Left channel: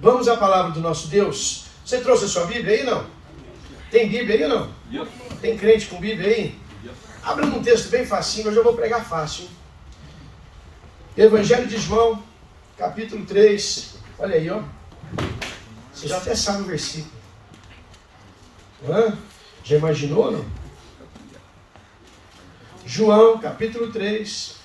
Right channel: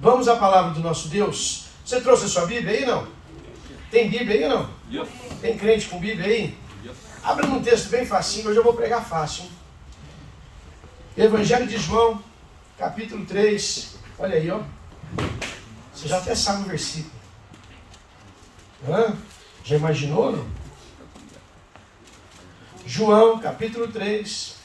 Vamos à palavra do nosso Deus. Você trouxe a sua Bíblia aí, não? Tem Bíblia aí ou não? Tem crente com Bíblia aí? Abra num texto bem facinho, hoje eu vou pregar fácil, hein? Evangelho de João, capítulo 3. Olha aí, ó. Você já até sabe o versículo. Já imaginou, não? João, capítulo 3.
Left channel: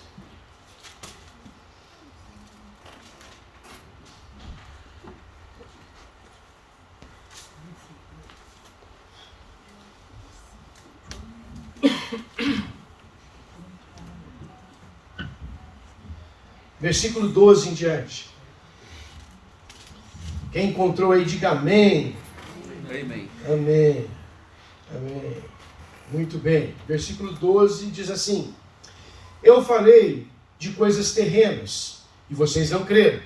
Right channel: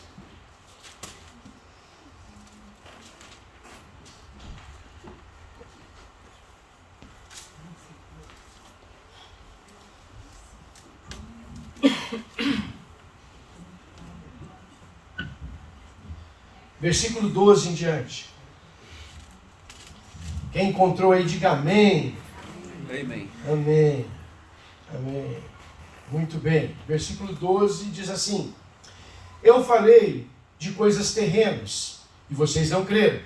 Versículo 12 em diante. Quem encontrou aí, diga amém. Amém. Amém. Amém. Muito bem. Versículo 12 diz assim: Eu falei de coisas terrenas e vocês não creram.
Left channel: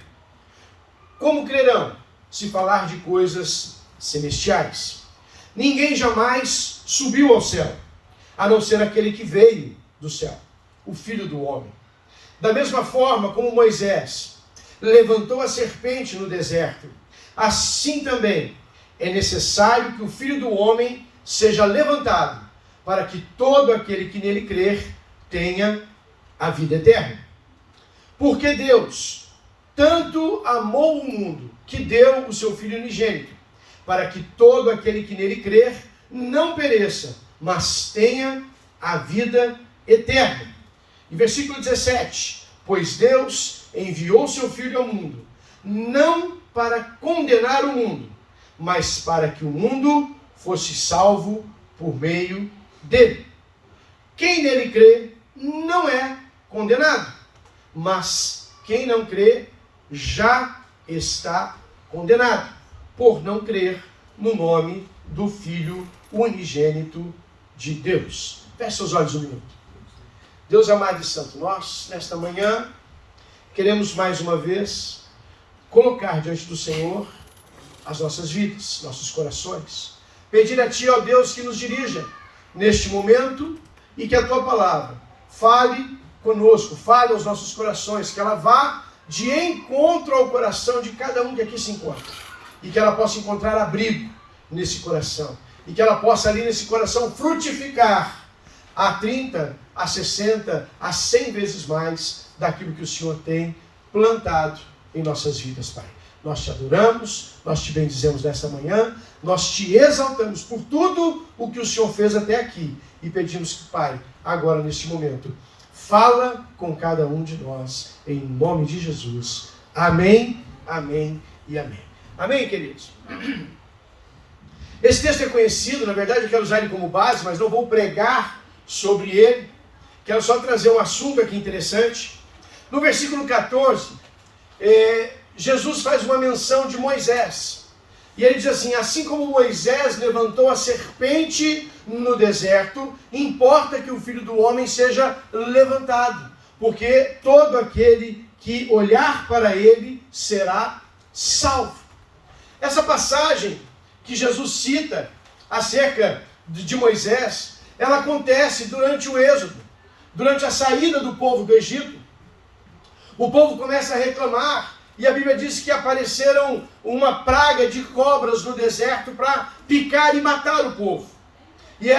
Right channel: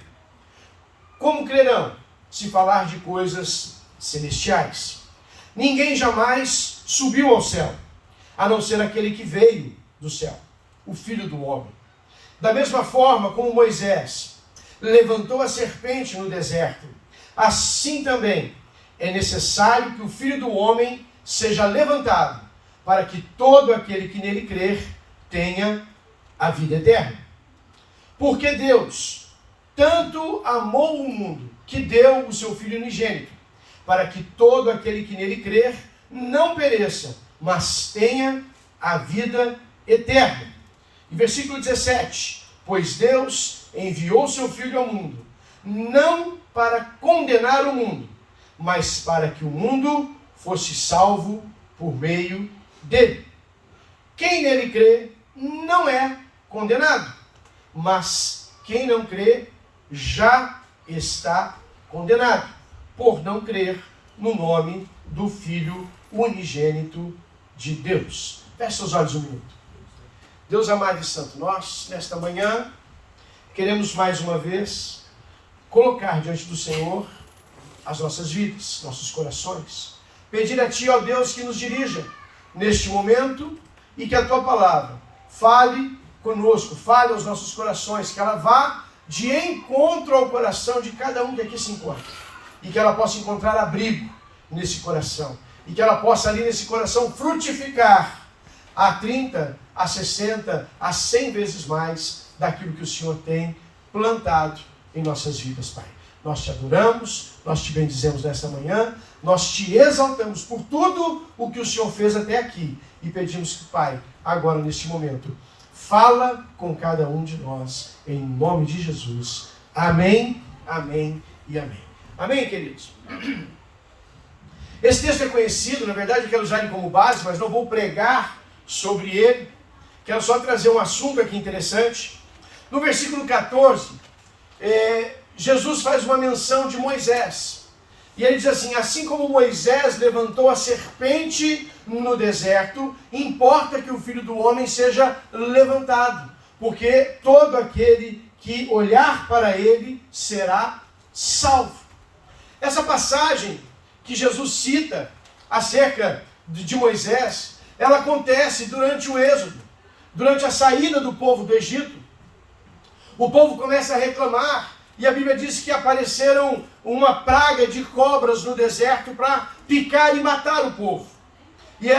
Como crerão se falar de coisas celestiais? Ninguém jamais subiu ao céu, a não ser aquele que veio do céu, o Filho do Homem. Da mesma forma como Moisés levantou a serpente no deserto, assim também é necessário que o Filho do Homem seja levantado, para que todo aquele que nele crer tenha a vida eterna. Porque Deus tanto amou o mundo, que deu o seu Filho unigênito, para que todo aquele que nele crer não pereça, mas tenha a vida eterna. E versículo 17, pois Deus enviou seu Filho ao mundo, não para condenar o mundo, mas para que o mundo fosse salvo por meio dele. Quem nele crê não é condenado, mas quem não crê já está condenado, por não crer no nome do Filho unigênito de Deus. Feche seus olhos um minuto. Deus amado e santo, nós, nesta manhã, queremos mais uma vez colocar diante do Senhor as nossas vidas, nossos corações. Pedir a Ti, ó Deus, que nos dirija neste momento e que a Tua palavra fale conosco, fale aos nossos corações, que ela vá de encontro ao coração de cada um que aqui se encontra e que ela possa encontrar abrigo nesse coração e que ela possa ali nesse coração frutificar a 30, a 60, a 100 vezes mais daquilo que o Senhor tem plantado em nossas vidas, Pai. Nós te adoramos, nós te bendizemos nessa manhã, nós te exaltamos por tudo o que o Senhor fez até aqui e pedimos que, Pai, agora neste momento, fala com cada um de nós, em nome de Jesus. Amém, amém e amém. Amém, queridos? Esse texto é conhecido, na verdade eu quero usar ele como base, mas não vou pregar sobre ele. Quero só trazer um assunto aqui interessante. No versículo 14, Jesus faz uma menção de Moisés. E ele diz assim: assim como Moisés levantou a serpente no deserto, importa que o Filho do Homem seja levantado, porque todo aquele que olhar para ele será salvo. Essa passagem que Jesus cita acerca de Moisés, ela acontece durante o êxodo, durante a saída do povo do Egito. O povo começa a reclamar, e a Bíblia diz que apareceram uma praga de cobras no deserto para picar e matar o povo. E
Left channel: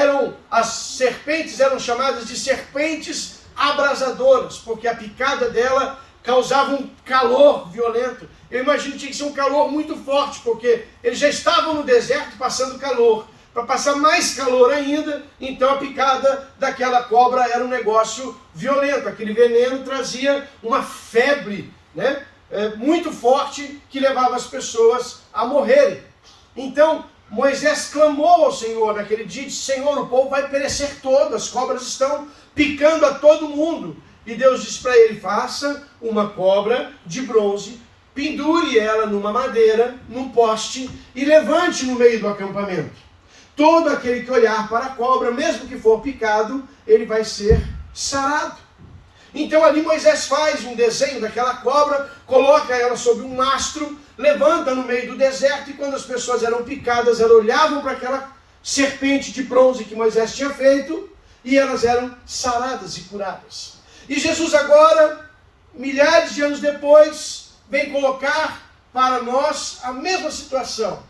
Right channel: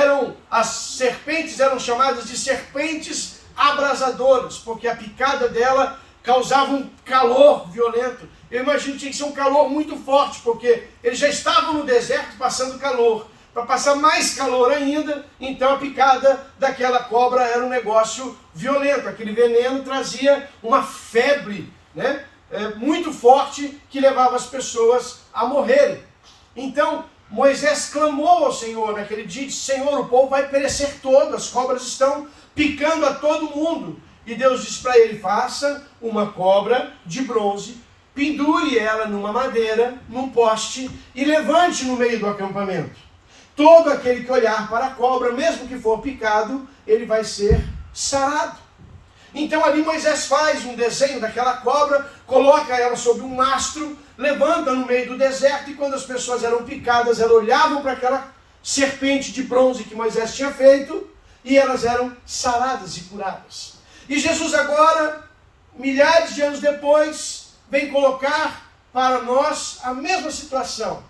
as serpentes eram chamadas de serpentes abrasadoras, porque a picada dela causava um calor violento. Eu imagino que tinha que ser um calor muito forte, porque eles já estavam no deserto passando calor. Para passar mais calor ainda, então a picada daquela cobra era um negócio violento. Aquele veneno trazia uma febre, né, muito forte, que levava as pessoas a morrerem. Então Moisés clamou ao Senhor naquele dia e disse: Senhor, o povo vai perecer todo, as cobras estão picando a todo mundo. E Deus disse para ele: faça uma cobra de bronze, pendure ela numa madeira, num poste, e levante no meio do acampamento. Todo aquele que olhar para a cobra, mesmo que for picado, ele vai ser sarado. Então ali Moisés faz um desenho daquela cobra, coloca ela sobre um mastro, levanta no meio do deserto, e quando as pessoas eram picadas, elas olhavam para aquela serpente de bronze que Moisés tinha feito, e elas eram saradas e curadas. E Jesus agora, milhares de anos depois, vem colocar para nós a mesma situação.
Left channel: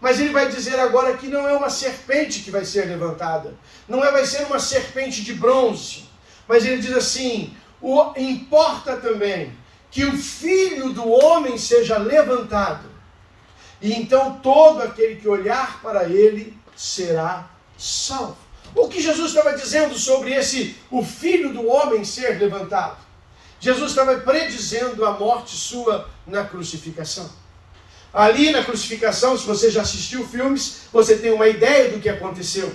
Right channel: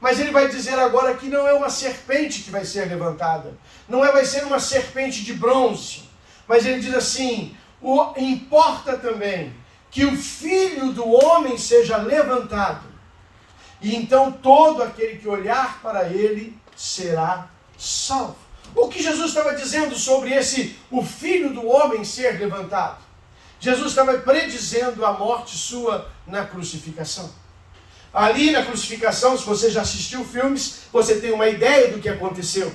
Mas ele vai dizer agora que não é uma serpente que vai ser levantada. Vai ser uma serpente de bronze. Mas ele diz assim, importa também que o Filho do Homem seja levantado. E então todo aquele que olhar para ele será salvo. O que Jesus estava dizendo sobre o Filho do Homem ser levantado? Jesus estava predizendo a morte sua na crucificação. Ali na crucificação, se você já assistiu filmes, você tem uma ideia do que aconteceu.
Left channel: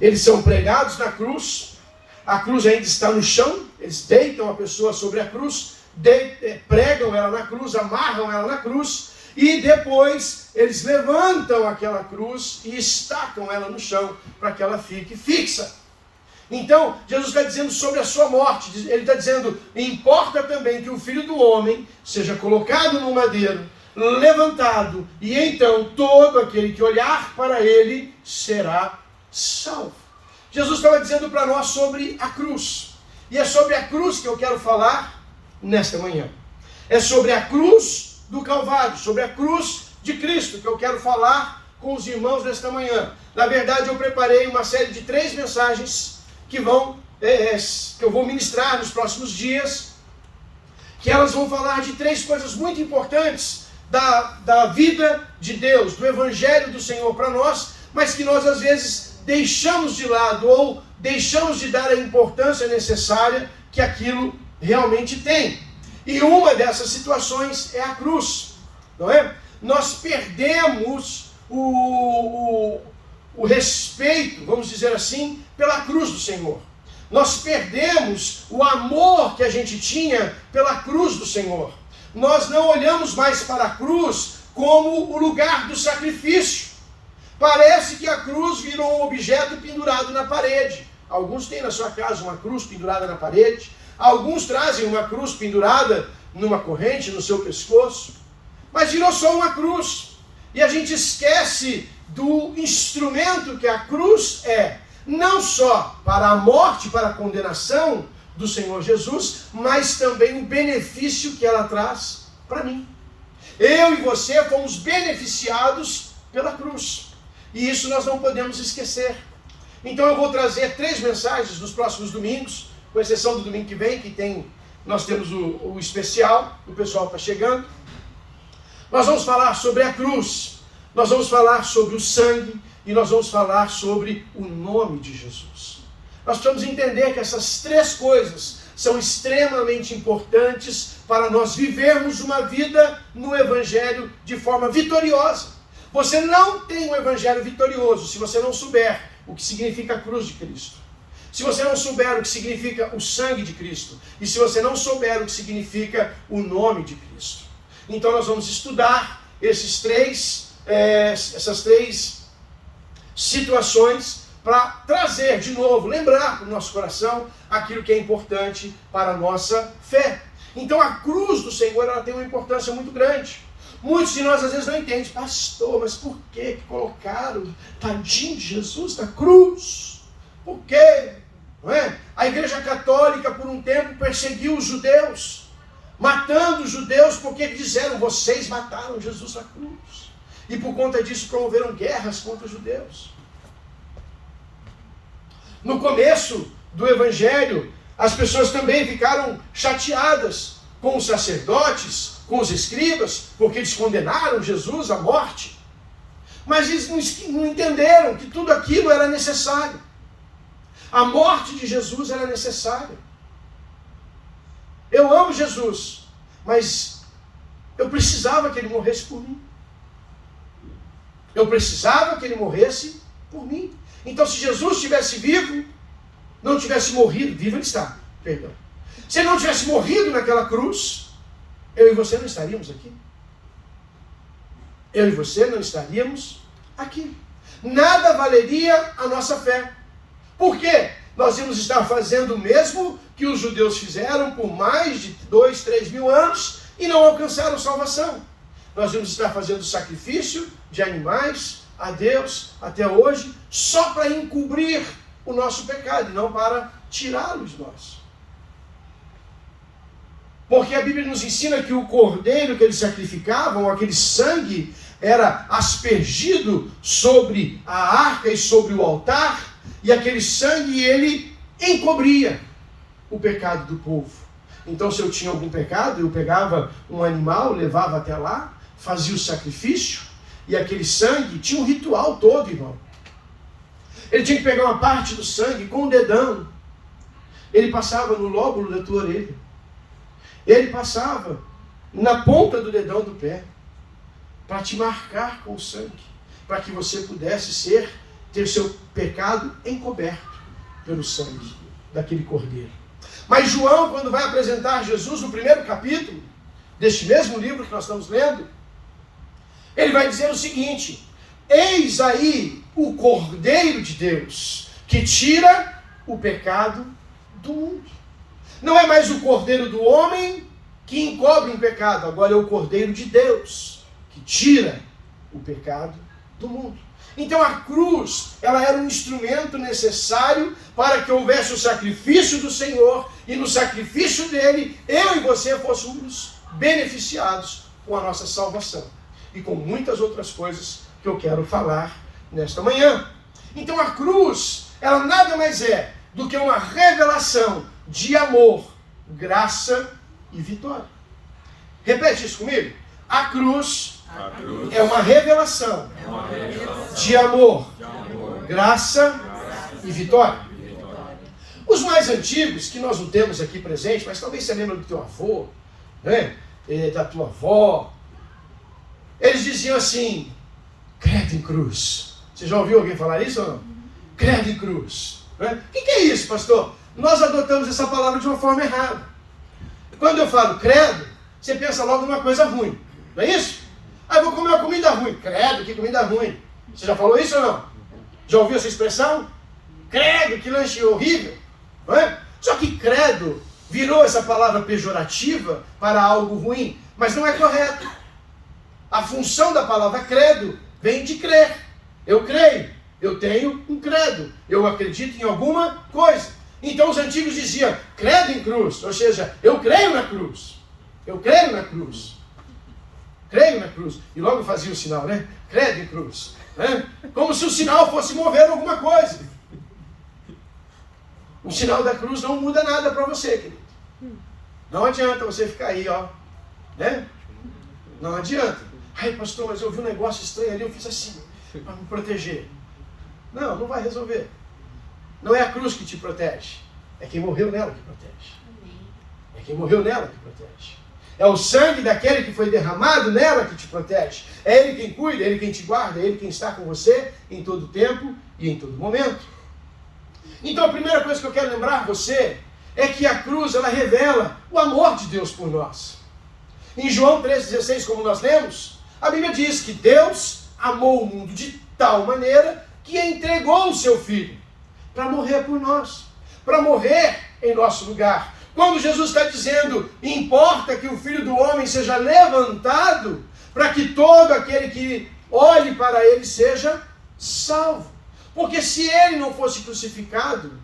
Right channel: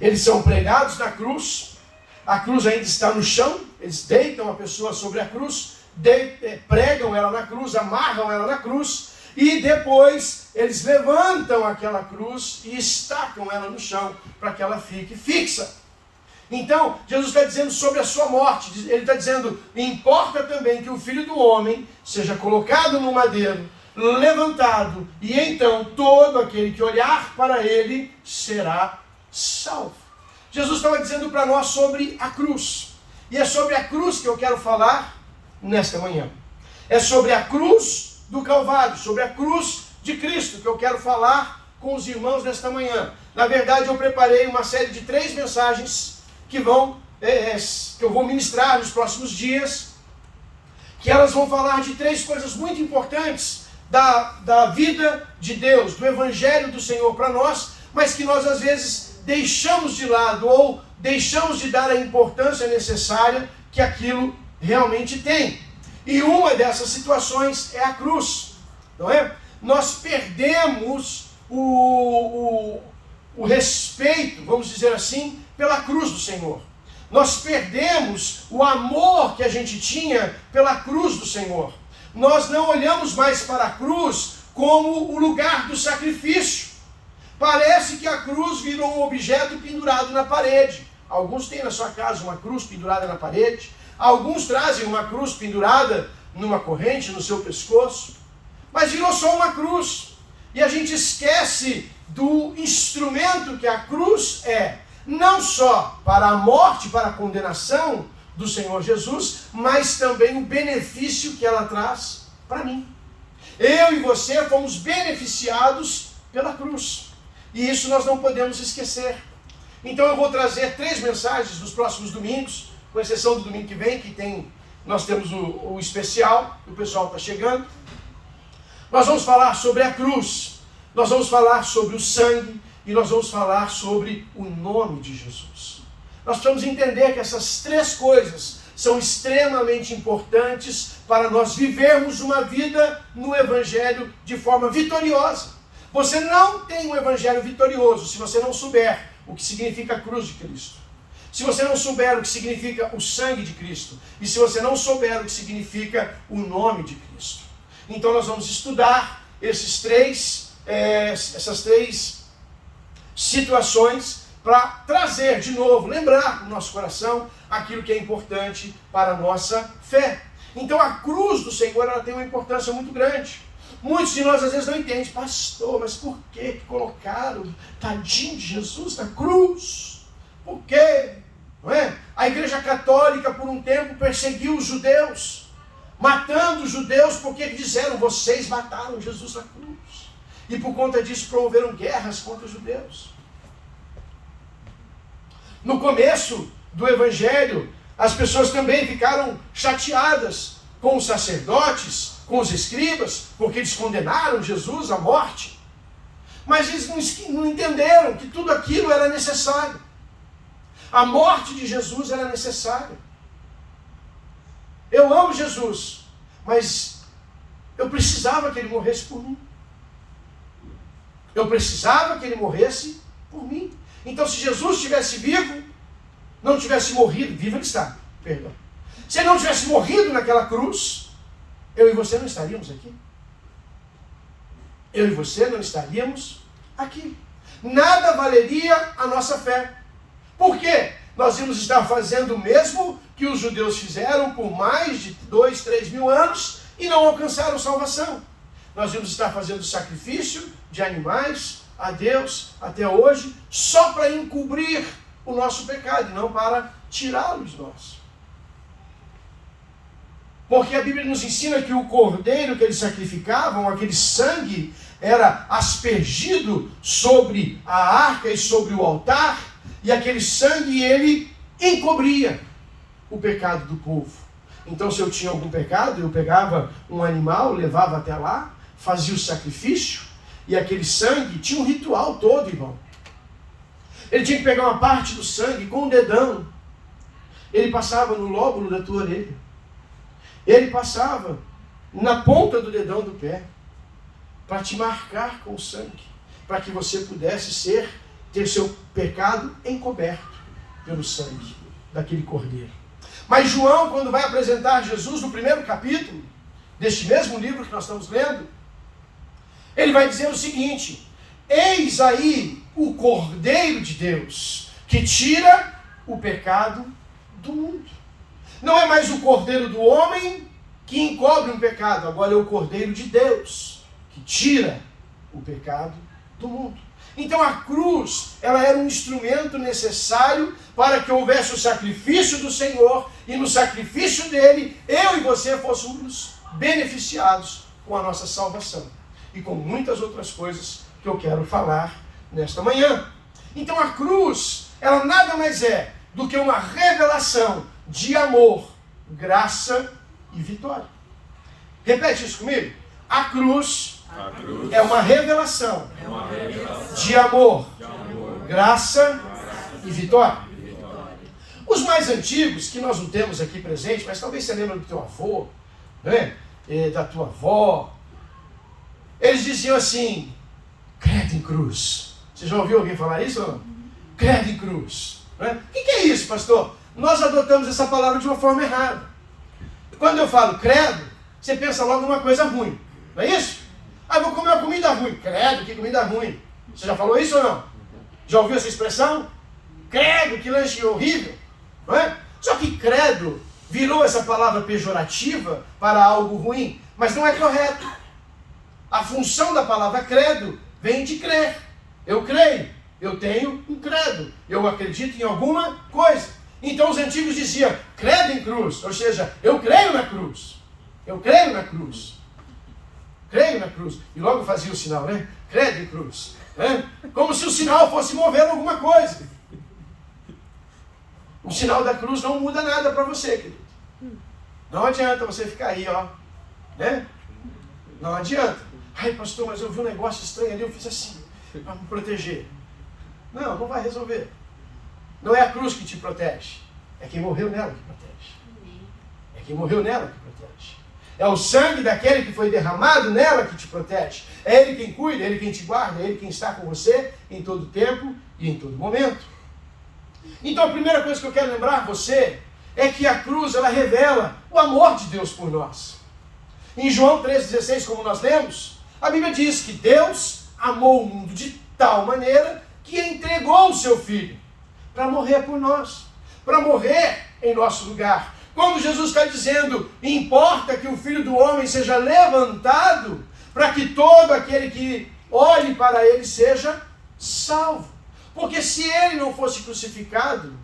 Eles são pregados na cruz, a cruz ainda está no chão, eles deitam a pessoa sobre a cruz, pregam ela na cruz, amarram ela na cruz, e depois eles levantam aquela cruz e estacam ela no chão, para que ela fique fixa. Então, Jesus está dizendo sobre a sua morte, ele está dizendo, importa também que o Filho do Homem seja colocado no madeiro, levantado, e então todo aquele que olhar para ele será salvo. Jesus estava dizendo para nós sobre a cruz, e é sobre a cruz que eu quero falar nesta manhã. É sobre a cruz do Calvário, sobre a cruz de Cristo, que eu quero falar com os irmãos nesta manhã. Na verdade, eu preparei uma série de 3 mensagens que eu vou ministrar nos próximos dias, que elas vão falar de 3 coisas muito importantes da vida de Deus, do Evangelho do Senhor para nós, mas que nós às vezes deixamos de lado ou deixamos de dar a importância necessária que aquilo realmente tem. E uma dessas situações é a cruz, não é? Nós perdemos o respeito, vamos dizer assim, pela cruz do Senhor. Nós perdemos o amor que a gente tinha pela cruz do Senhor. Nós não olhamos mais para a cruz como o lugar do sacrifício. Parece que a cruz virou um objeto pendurado na parede. Alguns têm na sua casa uma cruz pendurada na parede. Alguns trazem uma cruz pendurada numa corrente no seu pescoço. Mas virou só uma cruz. E a gente esquece do instrumento que a cruz é. Não só para a morte, para a condenação do Senhor Jesus, mas também o benefício que ela traz para mim. Eu e você fomos beneficiados pela cruz. E isso nós não podemos esquecer. Então eu vou trazer 3 mensagens nos próximos domingos, com exceção do domingo que vem, nós temos o especial, o pessoal está chegando. Nós vamos falar sobre a cruz, nós vamos falar sobre o sangue, e nós vamos falar sobre o nome de Jesus. Nós precisamos entender que essas 3 coisas são extremamente importantes para nós vivermos uma vida no Evangelho de forma vitoriosa. Você não tem um Evangelho vitorioso se você não souber o que significa a cruz de Cristo. Se você não souber o que significa o sangue de Cristo. E se você não souber o que significa o nome de Cristo. Então nós vamos estudar essas três situações para trazer de novo, lembrar para o nosso coração aquilo que é importante para a nossa fé. Então a cruz do Senhor ela tem uma importância muito grande. Muitos de nós às vezes não entendem, pastor, mas por que colocaram tadinho de Jesus na cruz? Por quê? Não é? A Igreja Católica por um tempo perseguiu os judeus, matando os judeus porque disseram, vocês mataram Jesus na cruz. E por conta disso promoveram guerras contra os judeus. No começo do Evangelho, as pessoas também ficaram chateadas com os sacerdotes, com os escribas, porque eles condenaram Jesus à morte. Mas eles não entenderam que tudo aquilo era necessário. A morte de Jesus era necessária. Eu amo Jesus, mas eu precisava que ele morresse por mim. Eu precisava que ele morresse por mim. Então, se Jesus estivesse vivo, não tivesse morrido, vivo ele está, perdão. Se ele não tivesse morrido naquela cruz, eu e você não estaríamos aqui. Eu e você não estaríamos aqui. Nada valeria a nossa fé. Por quê? Nós íamos estar fazendo o mesmo que os judeus fizeram por mais de 2, 3 mil anos e não alcançaram salvação. Nós íamos estar fazendo sacrifício de animais a Deus até hoje, só para encobrir o nosso pecado, e não para tirá-lo de nós. Porque a Bíblia nos ensina que o cordeiro que eles sacrificavam, aquele sangue, era aspergido sobre a arca e sobre o altar, e aquele sangue ele encobria o pecado do povo. Então, se eu tinha algum pecado, eu pegava um animal, levava até lá, fazia o sacrifício, e aquele sangue tinha um ritual todo, irmão. Ele tinha que pegar uma parte do sangue com um dedão. Ele passava no lóbulo da tua orelha. Ele passava na ponta do dedão do pé, para te marcar com o sangue, para que você pudesse ter seu pecado encoberto pelo sangue daquele cordeiro. Mas João, quando vai apresentar Jesus no primeiro capítulo deste mesmo livro que nós estamos lendo, ele vai dizer o seguinte: eis aí o Cordeiro de Deus, que tira o pecado do mundo. Não é mais o Cordeiro do homem que encobre um pecado, agora é o Cordeiro de Deus, que tira o pecado do mundo. Então a cruz, ela era um instrumento necessário para que houvesse o sacrifício do Senhor, e no sacrifício dele, eu e você fôssemos beneficiados com a nossa salvação. E com muitas outras coisas que eu quero falar nesta manhã. Então a cruz, ela nada mais é do que uma revelação de amor, graça e vitória. Repete isso comigo. A cruz é uma revelação, de amor, graça e vitória. Os mais antigos, que nós não temos aqui presente, mas talvez você lembre do teu avô, né? Da tua avó, eles diziam assim: credo em cruz. Você já ouviu alguém falar isso ou não? Credo em cruz. Né? O que é isso, pastor? Nós adotamos essa palavra de uma forma errada. Quando eu falo credo, você pensa logo numa coisa ruim, não é isso? Ah, vou comer uma comida ruim. Credo, que comida ruim. Você já falou isso ou não? Já ouviu essa expressão? Credo, que lanche horrível. Não é? Só que credo virou essa palavra pejorativa para algo ruim, mas não é correto. A função da palavra credo vem de crer. Eu creio, eu tenho um credo, eu acredito em alguma coisa. Então os antigos diziam, credo em cruz, ou seja, eu creio na cruz. Eu creio na cruz. Creio na cruz. E logo fazia o sinal, né? Credo em cruz. Né? Como se o sinal fosse mover alguma coisa. O sinal da cruz não muda nada para você, querido. Não adianta você ficar aí, ó. Né? Não adianta. Ai, pastor, mas eu vi um negócio estranho ali, eu fiz assim, para me proteger. Não, não vai resolver. Não é a cruz que te protege. É quem morreu nela que protege. É quem morreu nela que protege. É o sangue daquele que foi derramado nela que te protege. É Ele quem cuida, é Ele quem te guarda, é Ele quem está com você em todo tempo e em todo momento. Então a primeira coisa que eu quero lembrar você é que a cruz, ela revela o amor de Deus por nós. Em João 3,16, como nós lemos, a Bíblia diz que Deus amou o mundo de tal maneira que entregou o seu Filho para morrer por nós, para morrer em nosso lugar. Quando Jesus está dizendo, importa que o Filho do Homem seja levantado, para que todo aquele que olhe para ele seja salvo. Porque se ele não fosse crucificado,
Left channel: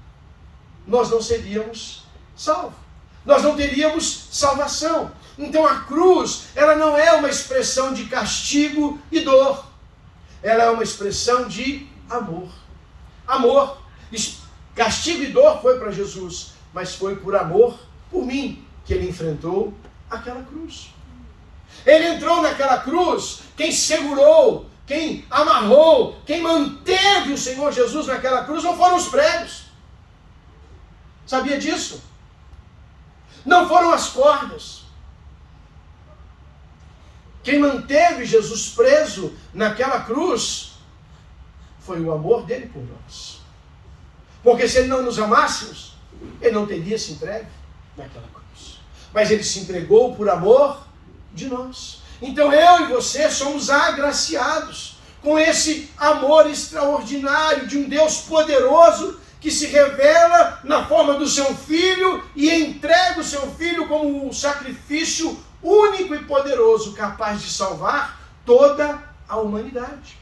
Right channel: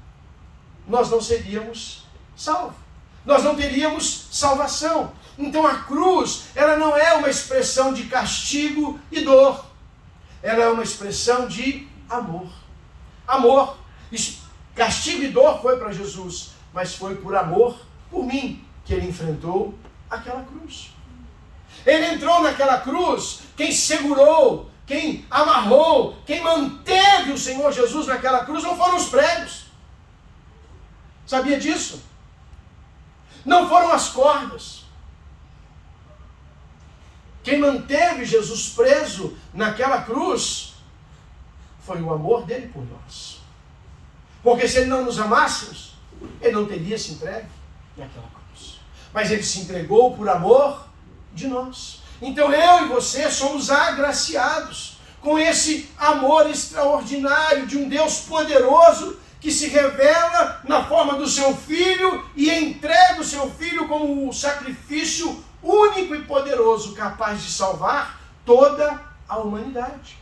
nós não seríamos salvos. Nós não teríamos salvação. Então a cruz, ela não é uma expressão de castigo e dor. Ela é uma expressão de amor. Amor. Castigo e dor foi para Jesus, mas foi por amor, por mim, que ele enfrentou aquela cruz. Ele entrou naquela cruz, quem segurou, quem amarrou, quem manteve o Senhor Jesus naquela cruz não foram os pregos. Sabia disso? Não foram as cordas. Quem manteve Jesus preso naquela cruz foi o amor dele por nós. Porque se ele não nos amássemos, ele não teria se entregue naquela cruz. Mas ele se entregou por amor de nós. Então eu e você somos agraciados com esse amor extraordinário de um Deus poderoso que se revela na forma do seu Filho e entrega o seu Filho como um sacrifício único e poderoso, capaz de salvar toda a humanidade.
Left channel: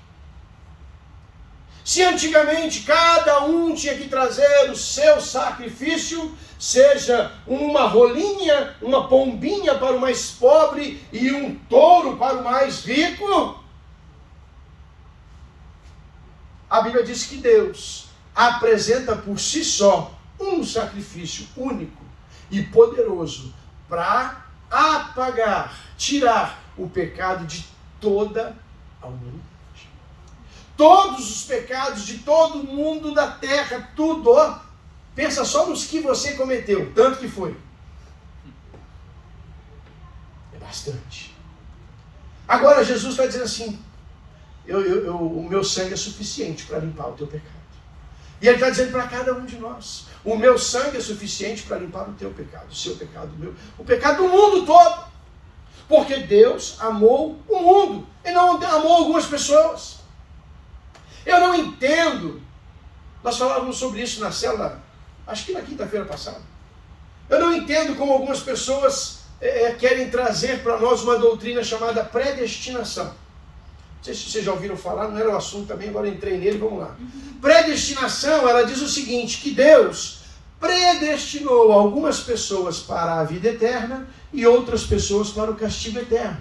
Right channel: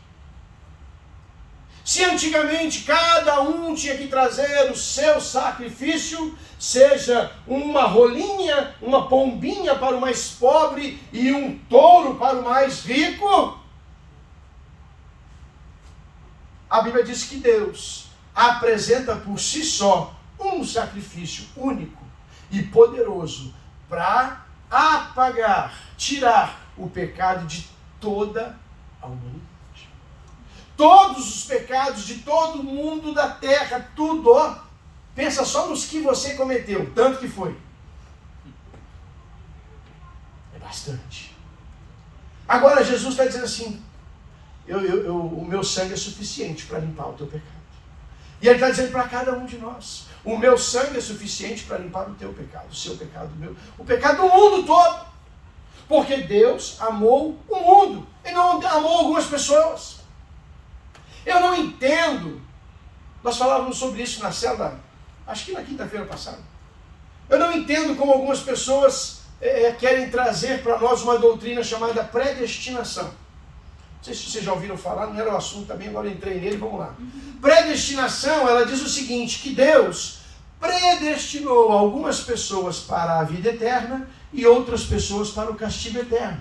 Se antigamente cada um tinha que trazer o seu sacrifício, seja uma rolinha, uma pombinha para o mais pobre e um touro para o mais rico, a Bíblia diz que Deus apresenta por si só um sacrifício único e poderoso para apagar, tirar o pecado de toda a humanidade. Todos os pecados de todo mundo da terra, tudo, ó, pensa só nos que você cometeu, tanto que foi. É bastante. Agora Jesus está dizendo assim, o meu sangue é suficiente para limpar o teu pecado. E ele está dizendo para cada um de nós, o meu sangue é suficiente para limpar o teu pecado, o seu pecado, o pecado do mundo todo. Porque Deus amou o mundo, Ele não amou algumas pessoas. Eu não entendo, nós falávamos sobre isso na célula, acho que na quinta-feira passada. Eu não entendo como algumas pessoas querem trazer para nós uma doutrina chamada predestinação. Não sei se vocês já ouviram falar, não era o assunto também, agora eu entrei nele, vamos lá. Predestinação, ela diz o seguinte, que Deus predestinou algumas pessoas para a vida eterna e outras pessoas para o castigo eterno.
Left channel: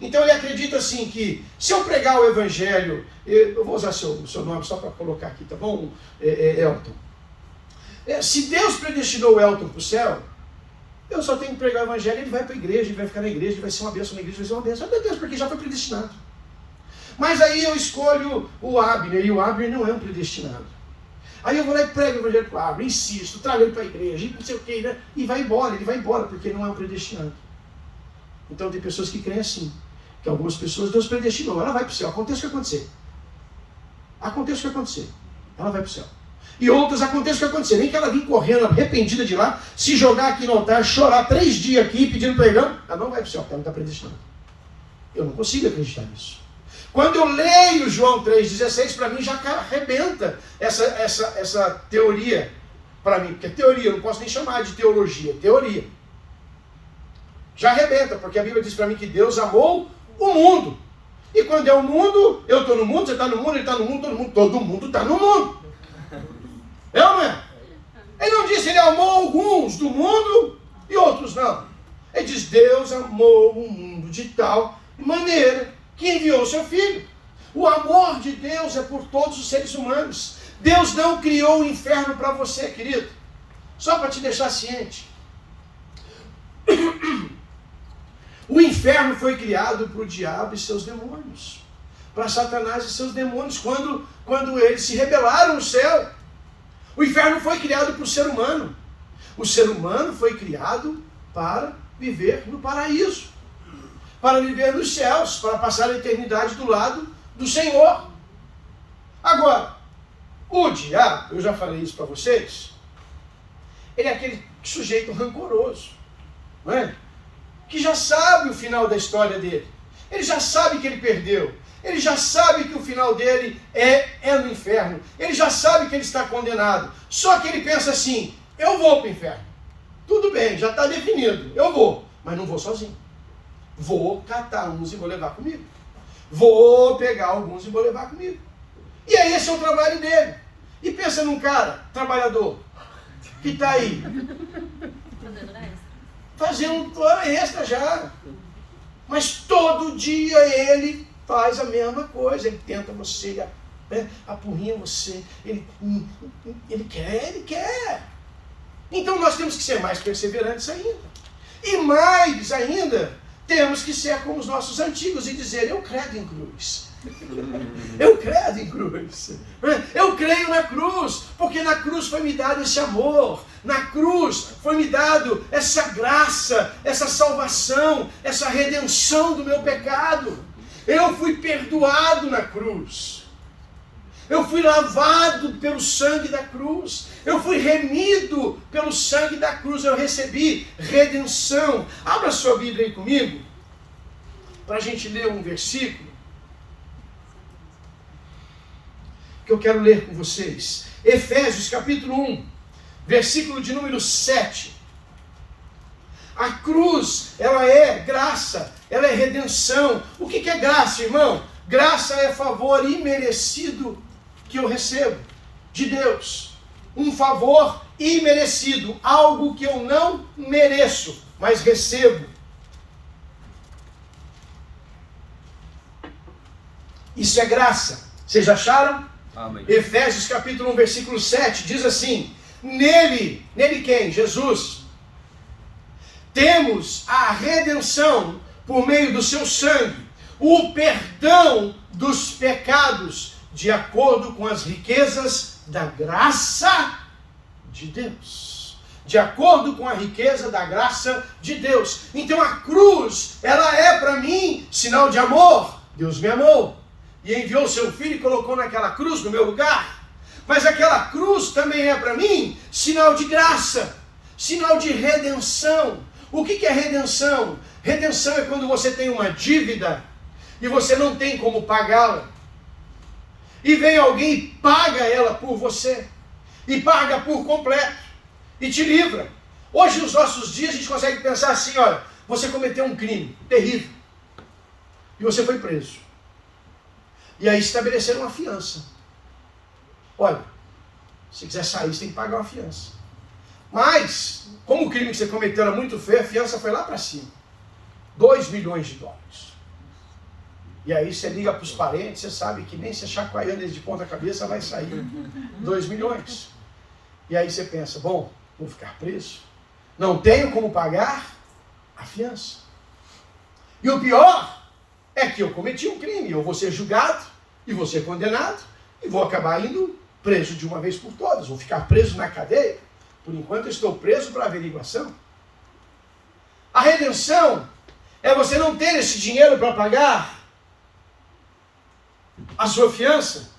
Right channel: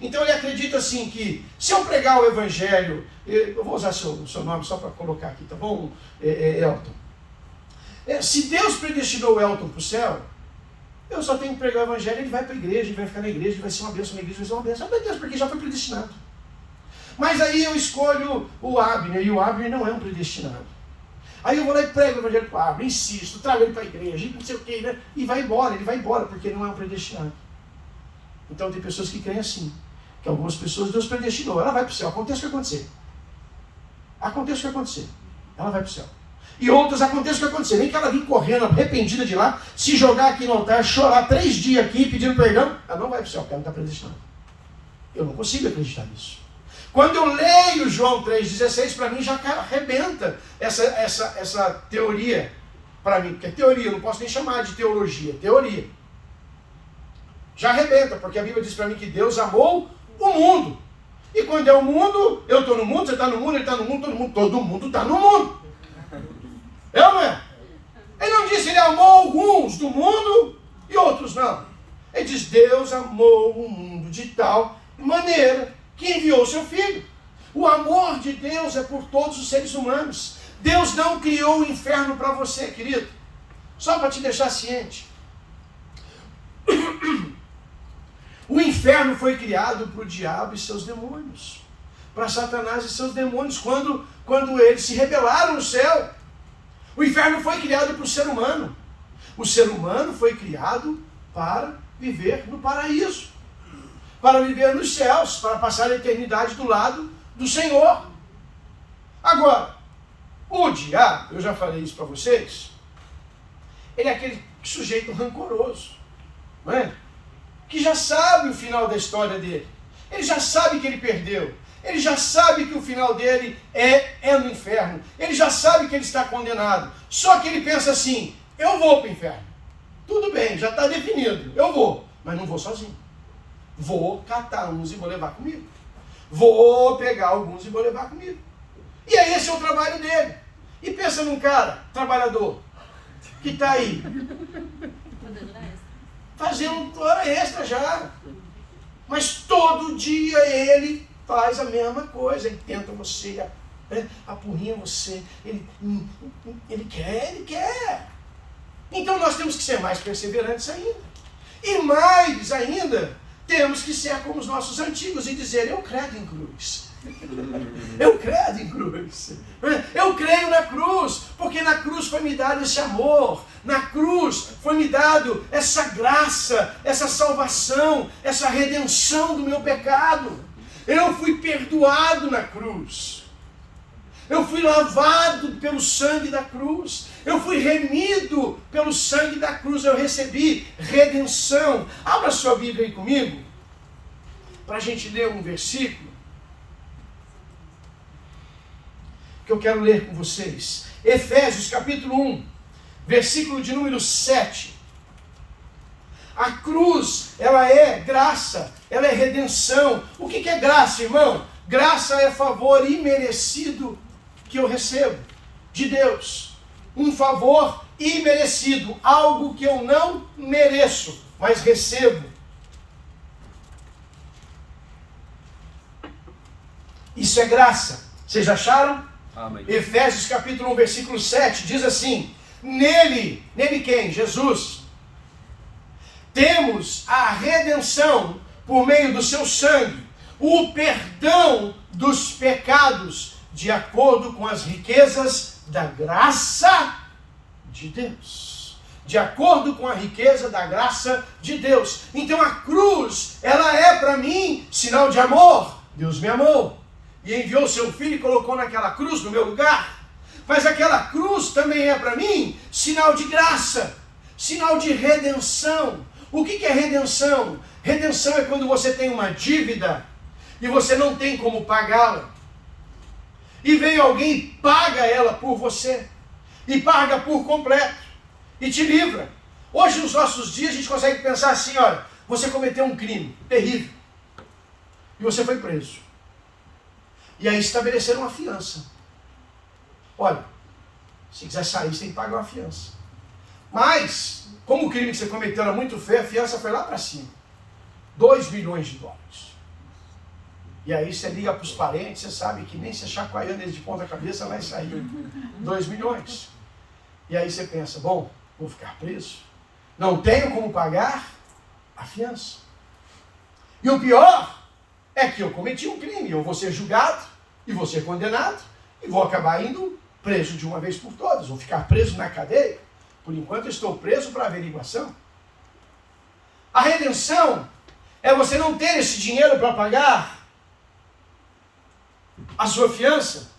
Então ele acredita assim que, se eu pregar o evangelho, eu vou usar seu nome só para colocar aqui, tá bom, Elton? Se Deus predestinou o Elton para o céu, eu só tenho que pregar o evangelho, ele vai para a igreja, ele vai ficar na igreja, ele vai ser uma bênção na igreja, vai ser uma bênção. Meu Deus, porque já foi predestinado. Mas aí eu escolho o Abner, e o Abner não é um predestinado. Aí eu vou lá e prego o evangelho para o Abner, insisto, trago ele para a igreja, não sei o que, né? E vai embora, ele vai embora, porque ele não é um predestinado. Então tem pessoas que creem assim, que algumas pessoas Deus predestinou, ela vai para o céu, aconteça o que acontecer. Aconteça o que acontecer, ela vai para o céu. E outras, aconteça o que acontecer, nem que ela vir correndo, arrependida de lá, se jogar aqui no altar, chorar 3 dias aqui pedindo perdão, ela não vai para o céu, porque ela não está predestinada. Eu não consigo acreditar nisso. Quando eu leio João 3,16, para mim já arrebenta essa teoria, para mim, porque é teoria, eu não posso nem chamar de teologia, é teoria. Já arrebenta, porque a Bíblia diz para mim que Deus amou o mundo. E quando é o mundo, eu estou no mundo, você está no mundo, ele está no mundo, todo mundo está no mundo. É ou não é? Ele não disse ele amou alguns do mundo e outros não. Ele diz, Deus amou o mundo de tal maneira que enviou o seu Filho. O amor de Deus é por todos os seres humanos. Deus não criou o inferno para você, querido. Só para te deixar ciente. O inferno foi criado para o diabo e seus demônios. Para Satanás e seus demônios, quando eles se rebelaram no céu. O inferno foi criado para o ser humano. O ser humano foi criado para viver no paraíso. Para viver nos céus, para passar a eternidade do lado do Senhor. Agora, o diabo, eu já falei isso para vocês, ele é aquele sujeito rancoroso, não é? Que já sabe o final da história dele. Ele já sabe que ele perdeu. Ele já sabe que o final dele é no inferno. Ele já sabe que ele está condenado. Só que ele pensa assim, eu vou para o inferno. Tudo bem, já está definido, eu vou, mas não vou sozinho. Vou catar uns e vou levar comigo. Vou pegar alguns e vou levar comigo. E aí esse é o trabalho dele. E pensa num cara, trabalhador, que está aí, fazendo hora extra já. Mas todo dia ele faz a mesma coisa. Ele tenta você, apurrinha você. Ele quer. Então nós temos que ser mais perseverantes ainda. E mais ainda, temos que ser como os nossos antigos e dizer, eu credo em cruz. Eu credo em cruz. Eu creio na cruz, porque na cruz foi me dado esse amor. Na cruz foi me dado essa graça, essa salvação, essa redenção do meu pecado. Eu fui perdoado na cruz. Eu fui lavado pelo sangue da cruz. Eu fui remido pelo sangue da cruz. Eu recebi redenção. Abra sua Bíblia aí comigo, para a gente ler um versículo que eu quero ler com vocês. Efésios capítulo 1, versículo de número 7. A cruz, ela é graça, ela é redenção. O que é graça, irmão? Graça é favor imerecido que eu recebo de Deus. Um favor imerecido, algo que eu não mereço, mas recebo. Isso é graça. Vocês acharam? Amém. Efésios capítulo 1, versículo 7, diz assim: nele quem? Jesus. Temos a redenção por meio do seu sangue, o perdão dos pecados, de acordo com as riquezas da graça de Deus. De acordo com a riqueza da graça de Deus. Então a cruz, ela é para mim sinal de amor. Deus me amou e enviou seu filho e colocou naquela cruz no meu lugar. Mas aquela cruz também é para mim sinal de graça, sinal de redenção. O que é redenção? Redenção é quando você tem uma dívida e você não tem como pagá-la. E vem alguém e paga ela por você. E paga por completo. E te livra. Hoje, nos nossos dias, a gente consegue pensar assim, olha, você cometeu um crime terrível. E você foi preso. E aí estabeleceram uma fiança. Olha, se quiser sair, você tem que pagar uma fiança. Mas, como o crime que você cometeu era muito feio, a fiança foi lá para cima. 2 milhões de dólares. E aí você liga para os parentes, você sabe que nem se chacoalhando eles de ponta cabeça vai sair 2 milhões. E aí você pensa, bom, vou ficar preso. Não tenho como pagar a fiança. E o pior é que eu cometi um crime. Eu vou ser julgado e vou ser condenado e vou acabar indo preso de uma vez por todas. Vou ficar preso na cadeia. Por enquanto eu estou preso para averiguação. A redenção é você não ter esse dinheiro para pagar a sua fiança,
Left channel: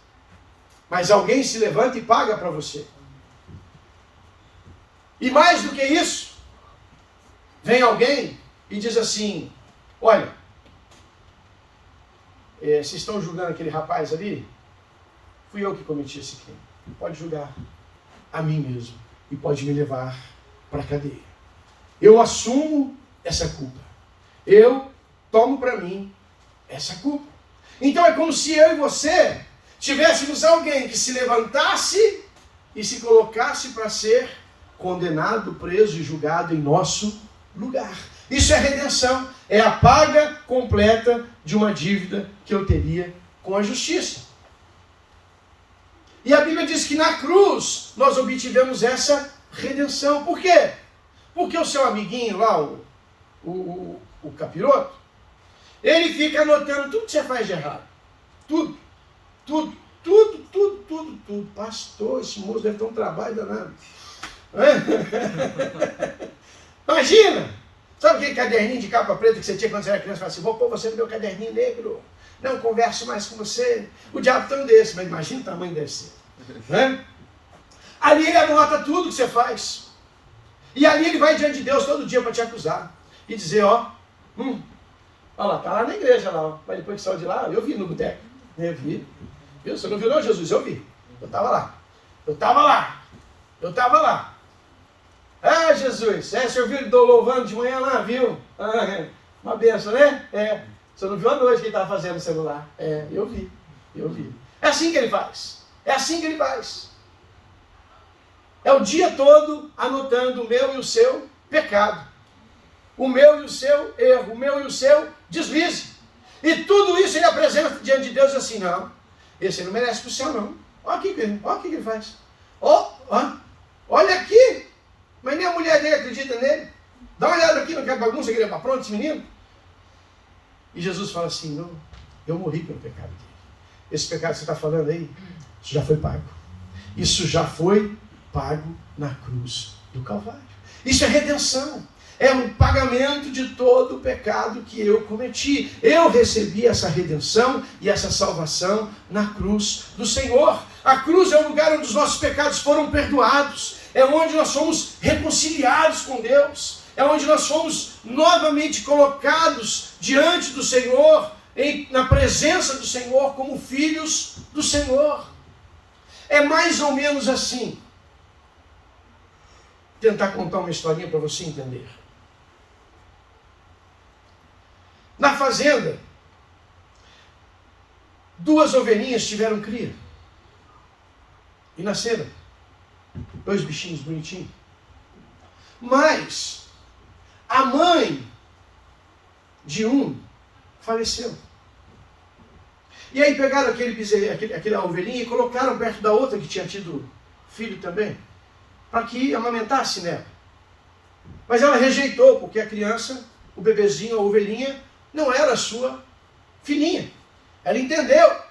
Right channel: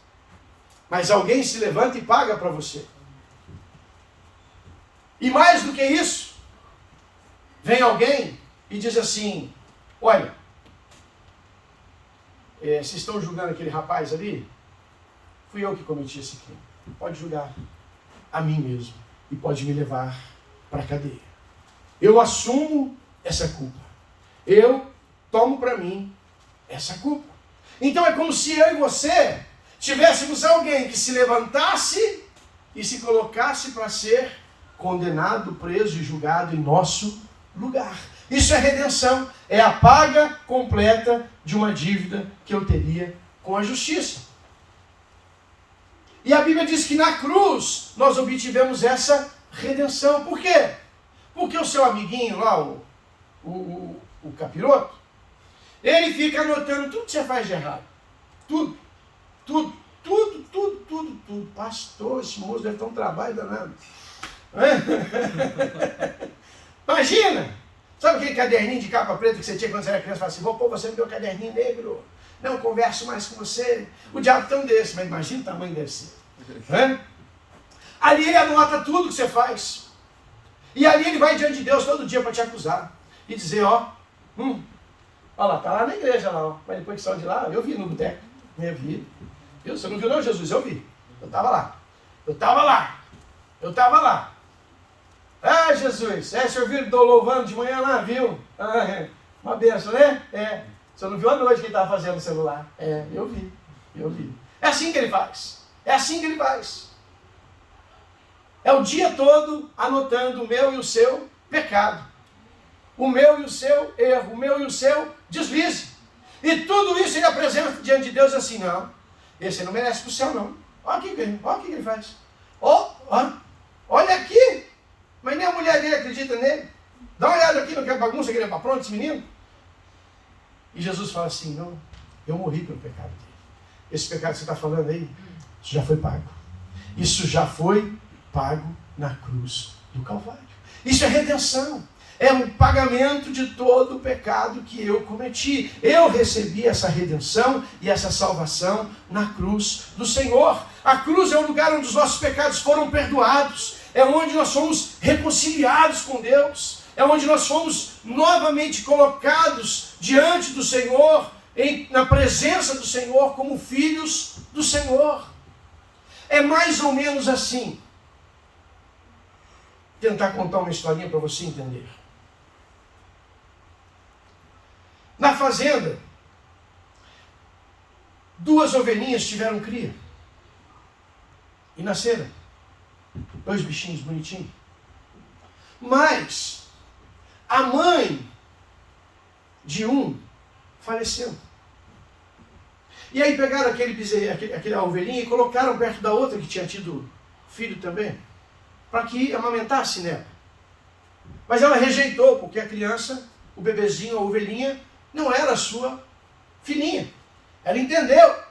mas alguém se levanta e paga para você. E mais do que isso, vem alguém e diz assim, olha, vocês estão julgando aquele rapaz ali? Fui eu que cometi esse crime. Pode julgar a mim mesmo e pode me levar para a cadeia. Eu assumo essa culpa. Eu tomo para mim essa culpa. Então é como se eu e você tivéssemos alguém que se levantasse e se colocasse para ser condenado, preso e julgado em nosso lugar. Isso é redenção, é a paga completa de uma dívida que eu teria com a justiça. E a Bíblia diz que na cruz nós obtivemos essa redenção. Por quê? Porque o seu amiguinho lá, o capiroto, ele fica anotando tudo que você faz de errado. Tudo. Pastor, esse moço deve ter um trabalho danado. Imagina! Sabe aquele caderninho de capa preta que você tinha quando você era criança? Fala assim, vou pôr você no meu caderninho negro. Não converso mais com você. O diabo tem um desse, mas imagina o tamanho deve ser. Ali ele anota tudo que você faz. E ali ele vai diante de Deus todo dia para te acusar. E dizer, ó, olha lá, tá lá na igreja lá, ó. Mas depois que saiu de lá, eu vi no boteco. Eu vi. Viu? Você não viu não, Jesus? Eu vi. Eu estava lá. Ah, Jesus, você ouviu ele louvando de manhã lá, viu? Uma benção, né? Você não viu a noite que ele estava fazendo no celular? Eu vi. É assim que ele faz. É o dia todo anotando o meu e o seu pecado. O meu e o seu erro, o meu e o seu deslize. E tudo isso ele apresenta diante de Deus assim, não, esse não merece para o céu não. Olha o que ele faz. Olha aqui. Mas nem a mulher dele acredita nele. Dá uma olhada aqui, não quer bagunça, que ele é para pronto, esse menino. E Jesus fala assim, não, eu morri pelo pecado dele. Esse pecado que você está falando aí, isso já foi pago. Isso já foi pago na cruz do Calvário. Isso é redenção. É um pagamento de todo o pecado que eu cometi. Eu recebi essa redenção e essa salvação na cruz do Senhor. A cruz é o lugar onde os nossos pecados foram perdoados. É onde nós fomos reconciliados com Deus. É onde nós fomos novamente colocados diante do Senhor, na presença do Senhor, como filhos do Senhor. É mais ou menos assim. Vou tentar contar uma historinha para você entender. Na fazenda, 2 ovelhinhas tiveram cria. E nasceram 2 bichinhos bonitinhos. Mas a mãe de um faleceu. E aí pegaram aquela ovelhinha e colocaram perto da outra que tinha tido filho também, para que amamentasse nela. Mas ela rejeitou, porque a criança, o bebezinho, a ovelhinha, não era a sua filhinha. Ela entendeu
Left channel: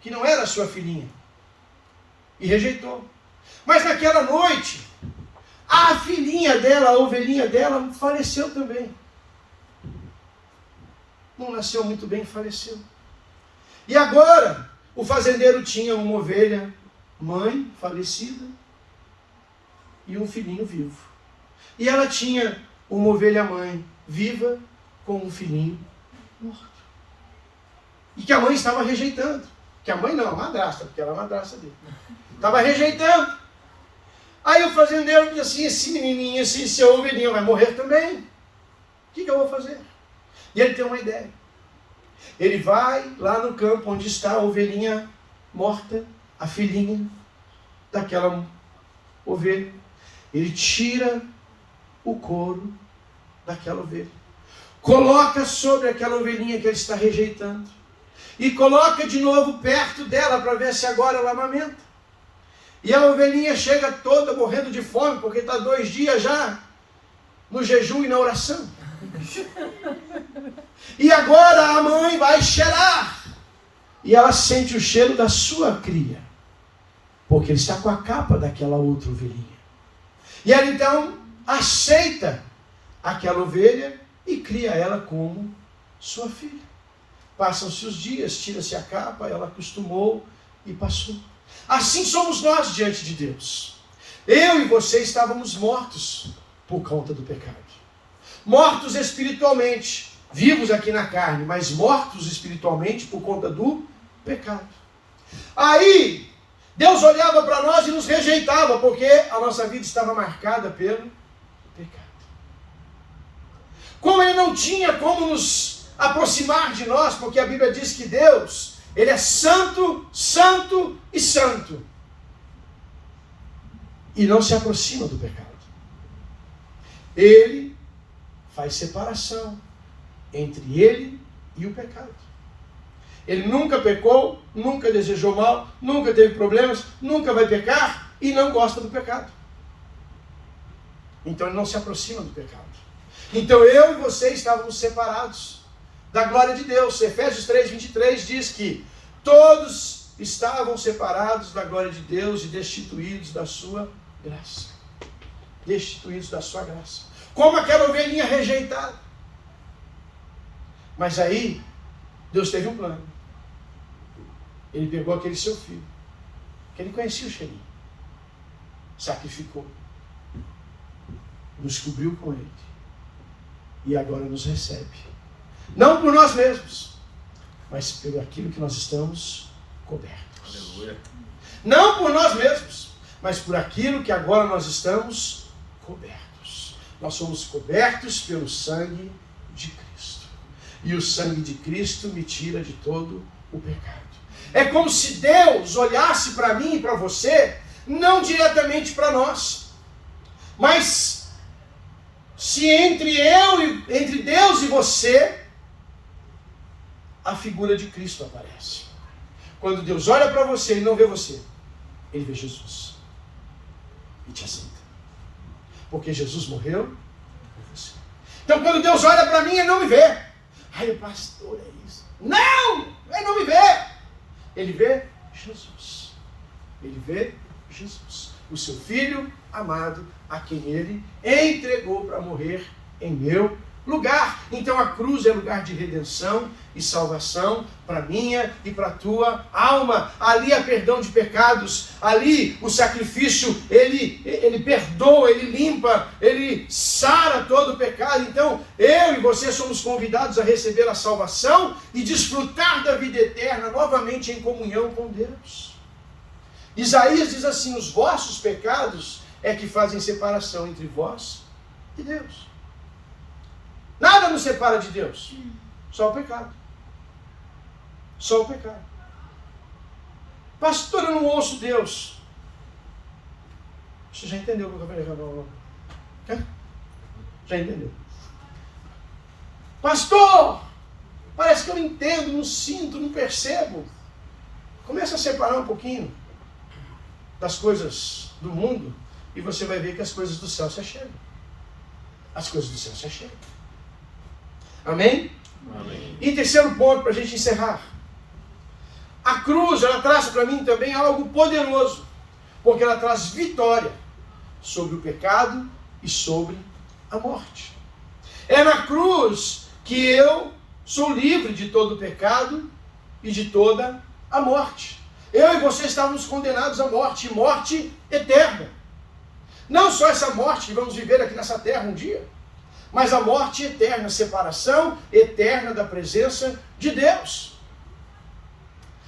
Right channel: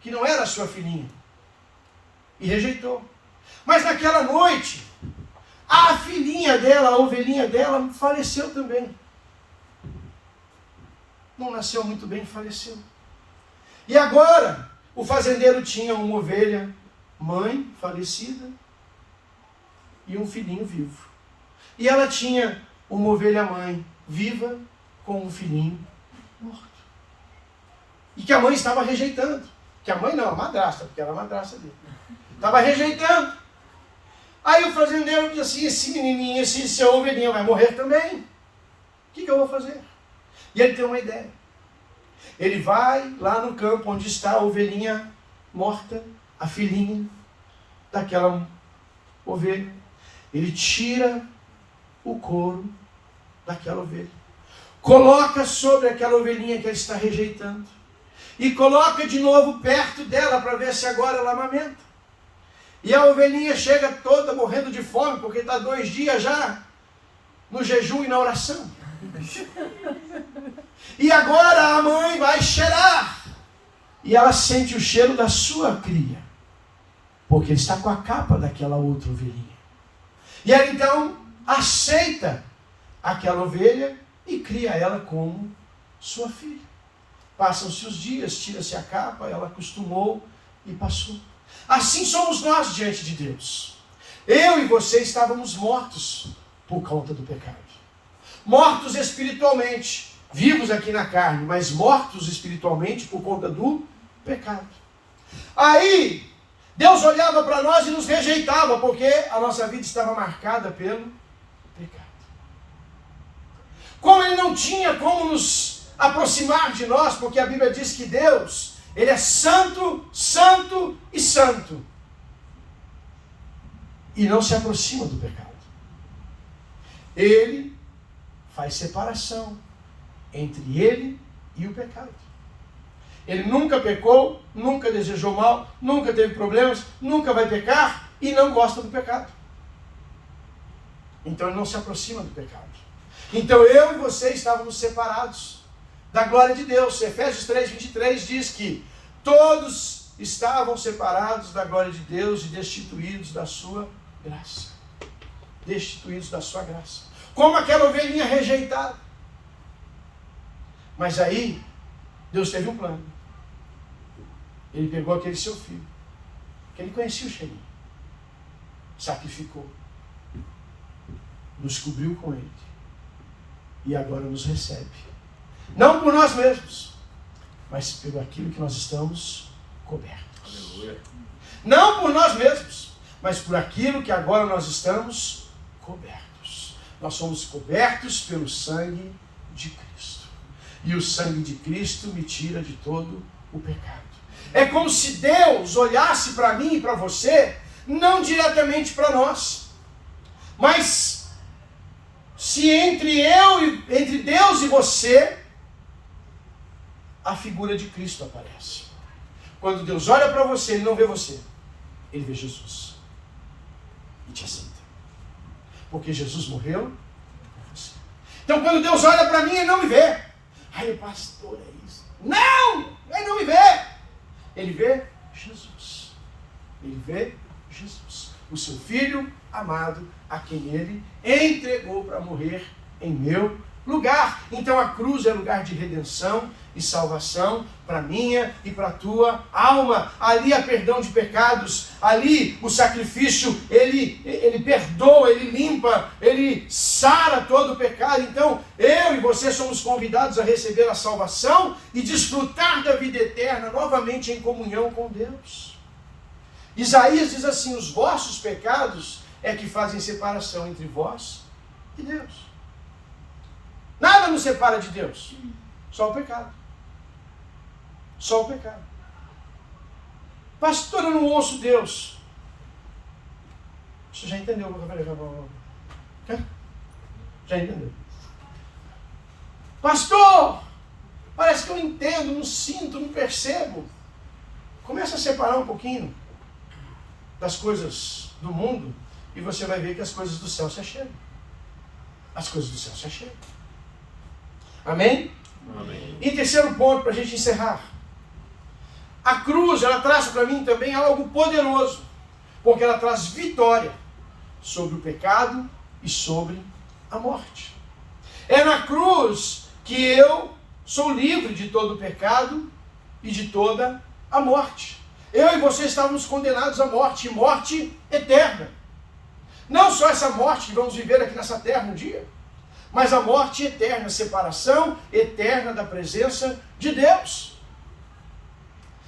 que não era a sua filhinha. E rejeitou. Mas naquela noite, a filhinha dela, a ovelhinha dela, faleceu também. Não nasceu muito bem, faleceu. E agora, o fazendeiro tinha uma ovelha mãe falecida e um filhinho vivo. E ela tinha uma ovelha mãe viva com um filhinho morto. E que a mãe estava rejeitando. Que a mãe não, a madrasta, porque era a madrasta dele. Estava rejeitando. Aí o fazendeiro disse assim, esse menininho, essa ovelhinha vai morrer também. O que eu vou fazer? E ele tem uma ideia. Ele vai lá no campo onde está a ovelhinha morta, a filhinha daquela ovelha. Ele tira o couro daquela ovelha. Coloca sobre aquela ovelhinha que ele está rejeitando. E coloca de novo perto dela para ver se agora ela amamenta. E a ovelhinha chega toda morrendo de fome, porque está 2 dias já no jejum e na oração. E agora a mãe vai cheirar. E ela sente o cheiro da sua cria. Porque ele está com a capa daquela outra ovelhinha. E ela então aceita aquela ovelha e cria ela como sua filha. Passam-se os dias, tira-se a capa, ela acostumou e passou. Assim somos nós diante de Deus. Eu e você estávamos mortos por conta do pecado. Mortos espiritualmente, vivos aqui na carne, mas mortos espiritualmente por conta do pecado. Aí, Deus olhava para nós e nos rejeitava, porque a nossa vida estava marcada pelo pecado. Como Ele não tinha como nos aproximar de nós, porque a Bíblia diz que Deus, Ele é santo, santo e santo. E não se aproxima do pecado. Ele faz separação entre Ele e o pecado. Ele nunca pecou, nunca desejou mal, nunca teve problemas, nunca vai pecar e não gosta do pecado. Então Ele não se aproxima do pecado. Então eu e você estávamos separados da glória de Deus. Efésios 3:23 diz que todos estavam separados da glória de Deus e destituídos da sua graça. Destituídos da sua graça. Como aquela ovelhinha rejeitada. Mas aí, Deus teve um plano. Ele pegou aquele seu filho, que ele conhecia o cheirinho, sacrificou, nos cobriu com ele, e agora nos recebe. Não por nós mesmos, mas pelo aquilo que nós estamos cobertos. Aleluia. Não por nós mesmos, mas por aquilo que agora nós estamos cobertos. Nós somos cobertos pelo sangue de Cristo. E o sangue de Cristo me tira de todo o pecado. É como se Deus olhasse para mim e para você, não diretamente para nós, mas se entre Deus e você, a figura de Cristo aparece. Quando Deus olha para você, Ele não vê você, Ele vê Jesus. E te aceita. Porque Jesus morreu por você. Então quando Deus olha para mim, Ele não me vê. Ai, pastor, é isso. Não! Ele não me vê. Ele vê Jesus. Ele vê Jesus. O seu Filho amado, a quem Ele entregou para morrer em meu lugar. Então a cruz é lugar de redenção e salvação para minha e para a tua alma. Ali há perdão de pecados. Ali o sacrifício, ele perdoa, ele limpa, ele sara todo o pecado. Então eu e você somos convidados a receber a salvação e desfrutar da vida eterna novamente em comunhão com Deus. Isaías diz assim: os vossos pecados é que fazem separação entre vós e Deus. Nada nos separa de Deus. Só o pecado. Só o pecado. Pastor, eu não ouço Deus. Você já entendeu o que eu falei? Já entendeu? Pastor, parece que eu não entendo, não sinto, não percebo. Começa a separar um pouquinho das coisas do mundo e você vai ver que as coisas do céu se achegam. As coisas do céu se achegam. Amém? Amém. E terceiro ponto para a gente encerrar. A cruz, ela traz para mim também algo poderoso, porque ela traz vitória sobre o pecado e sobre a morte. É na cruz que eu sou livre de todo o pecado e de toda a morte. Eu e você estávamos condenados à morte, e morte eterna. Não só essa morte que vamos viver aqui nessa terra um dia, mas a morte eterna, separação eterna da presença de Deus.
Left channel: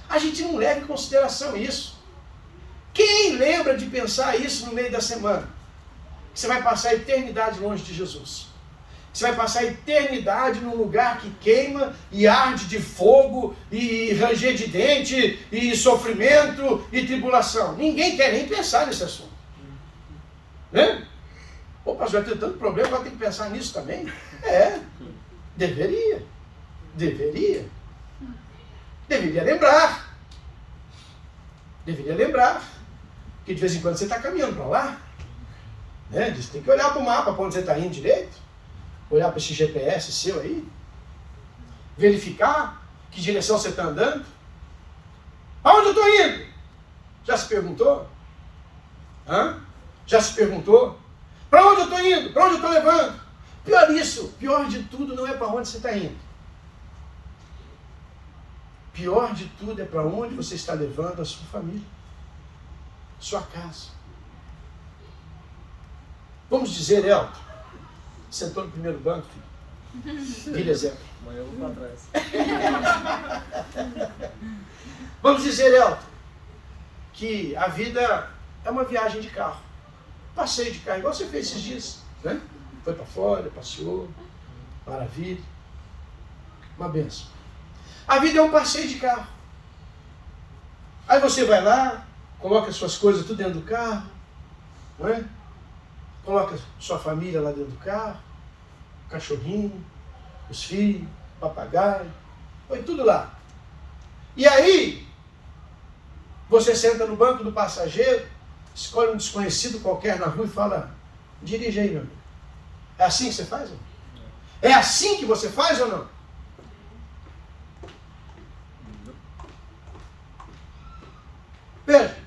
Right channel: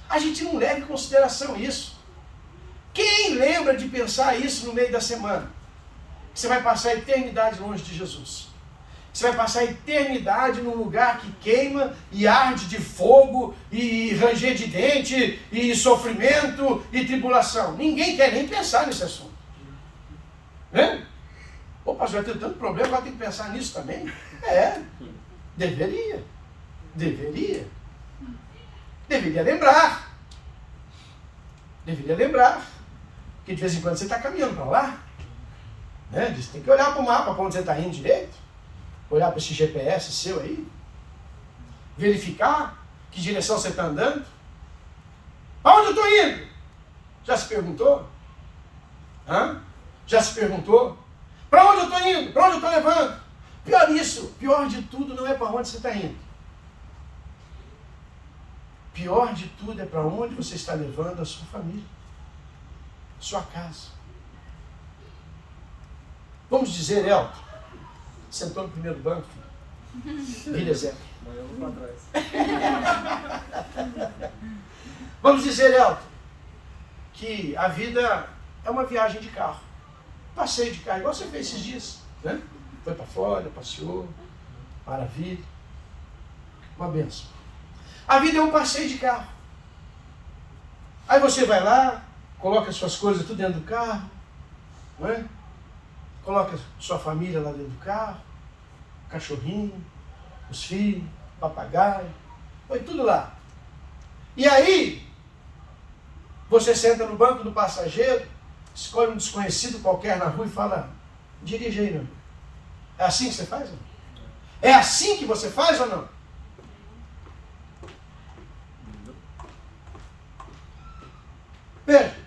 A gente não leva em consideração isso. Quem lembra de pensar isso no meio da semana? Que você vai passar a eternidade longe de Jesus. Você vai passar a eternidade num lugar que queima e arde de fogo e ranger de dente e sofrimento e tribulação. Ninguém quer nem pensar nesse assunto. Né? Pô, pastor, vai ter tanto problema, vai ter que pensar nisso também? Deveria. Deveria lembrar. Deveria lembrar. Porque de vez em quando você está caminhando para lá. Né? Você tem que olhar para o mapa, para onde você está indo direito. Olhar para esse GPS seu aí. Verificar que direção você está andando. Aonde eu estou indo? Já se perguntou? Já se perguntou? Para onde eu estou indo? Para onde eu estou levando? Pior de tudo não é para onde você está indo. Pior de tudo é para onde você está levando a sua família, a sua casa. Vamos dizer, Elton, sentou no primeiro banco, filho exemplo. Vamos dizer, Elton, que a vida é uma viagem de carro. Passeio de carro, igual você fez esses dias, né? Foi para Flórida, passeou, maravilha, uma benção. A vida é um passeio de carro. Aí você vai lá, coloca suas coisas tudo dentro do carro, não é? Coloca sua família lá dentro do carro, o cachorrinho, os filhos, o papagaio, põe tudo lá. E aí, você senta no banco do passageiro, escolhe um desconhecido qualquer na rua e fala, dirige aí, meu amigo. É assim que você faz? Não? É assim que você faz ou não? Veja,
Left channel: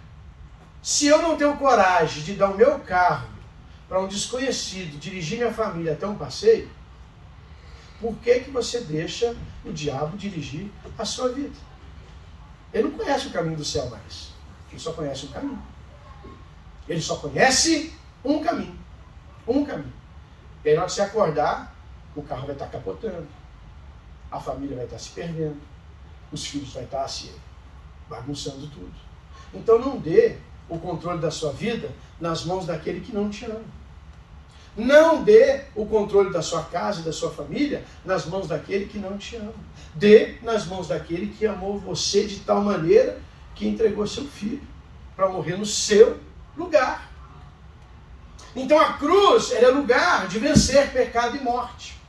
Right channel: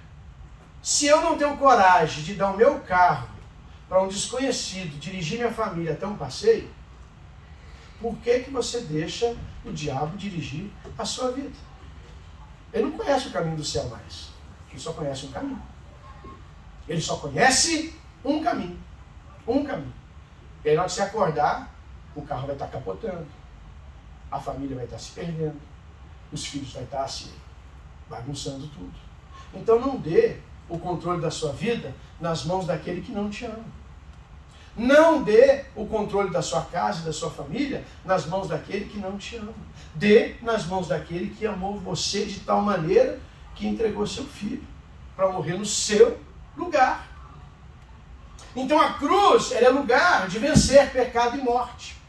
se eu não tenho coragem de dar o meu carro para um desconhecido, dirigir minha família até um passeio, por que você deixa o diabo dirigir a sua vida? Ele não conhece o caminho do céu mais. Ele só conhece um caminho. Ele só conhece um caminho. Um caminho. E aí, na hora de você acordar, o carro vai estar capotando. A família vai estar se perdendo. Os filhos vão estar se bagunçando tudo. Então não dê o controle da sua vida nas mãos daquele que não te ama. Não dê o controle da sua casa e da sua família nas mãos daquele que não te ama. Dê nas mãos daquele que amou você de tal maneira que entregou seu filho para morrer no seu lugar. Então a cruz é lugar de vencer pecado e morte.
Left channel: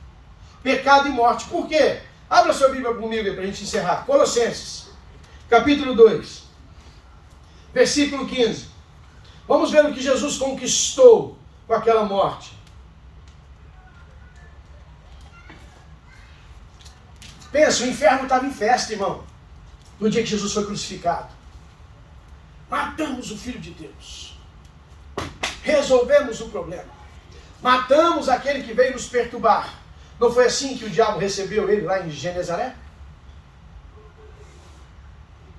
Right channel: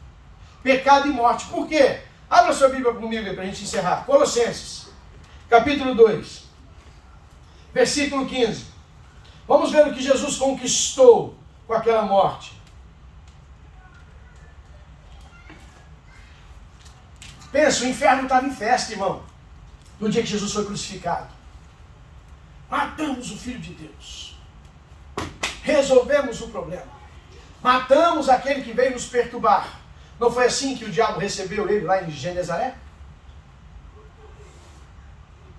Pecado e morte. Por quê? Abra sua Bíblia comigo aí para a gente encerrar. Colossenses, capítulo 2, versículo 15. Vamos ver o que Jesus conquistou com aquela morte. Pensa, o inferno estava em festa, irmão, no dia que Jesus foi crucificado. Matamos o Filho de Deus. Resolvemos o problema. Matamos aquele que veio nos perturbar. Não foi assim que o diabo recebeu ele lá em Genezaré?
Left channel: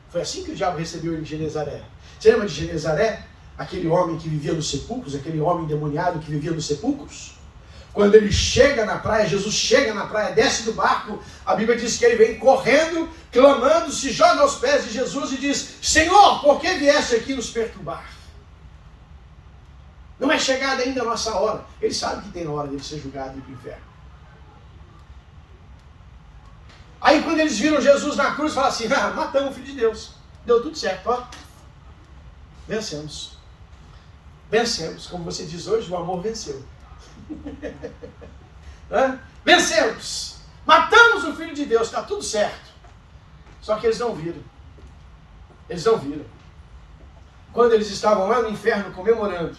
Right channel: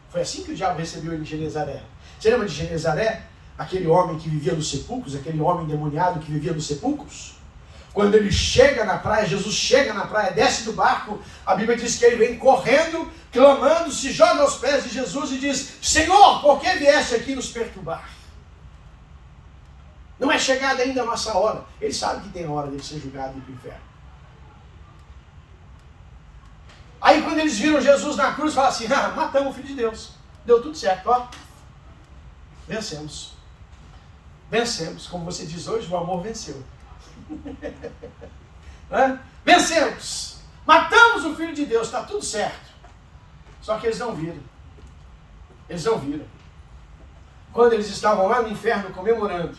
Foi assim que o diabo recebeu ele em Genezaré. Você lembra de Genezaré? Aquele homem que vivia nos sepulcros, aquele homem endemoniado que vivia nos sepulcros? Quando ele chega na praia, Jesus chega na praia, desce do barco, a Bíblia diz que ele vem correndo, clamando, se joga aos pés de Jesus e diz, Senhor, por que vieste aqui nos perturbar? Não é chegada ainda a nossa hora. Ele sabe que tem hora de ser julgado e ir para o inferno. Aí quando eles viram Jesus na cruz, falaram assim, matamos o Filho de Deus. Deu tudo certo, ó. Vencemos. Vencemos. Como você diz hoje, o amor venceu. Vencemos. Matamos o Filho de Deus, está tudo certo. Só que eles não viram. Eles não viram. Quando eles estavam lá no inferno comemorando,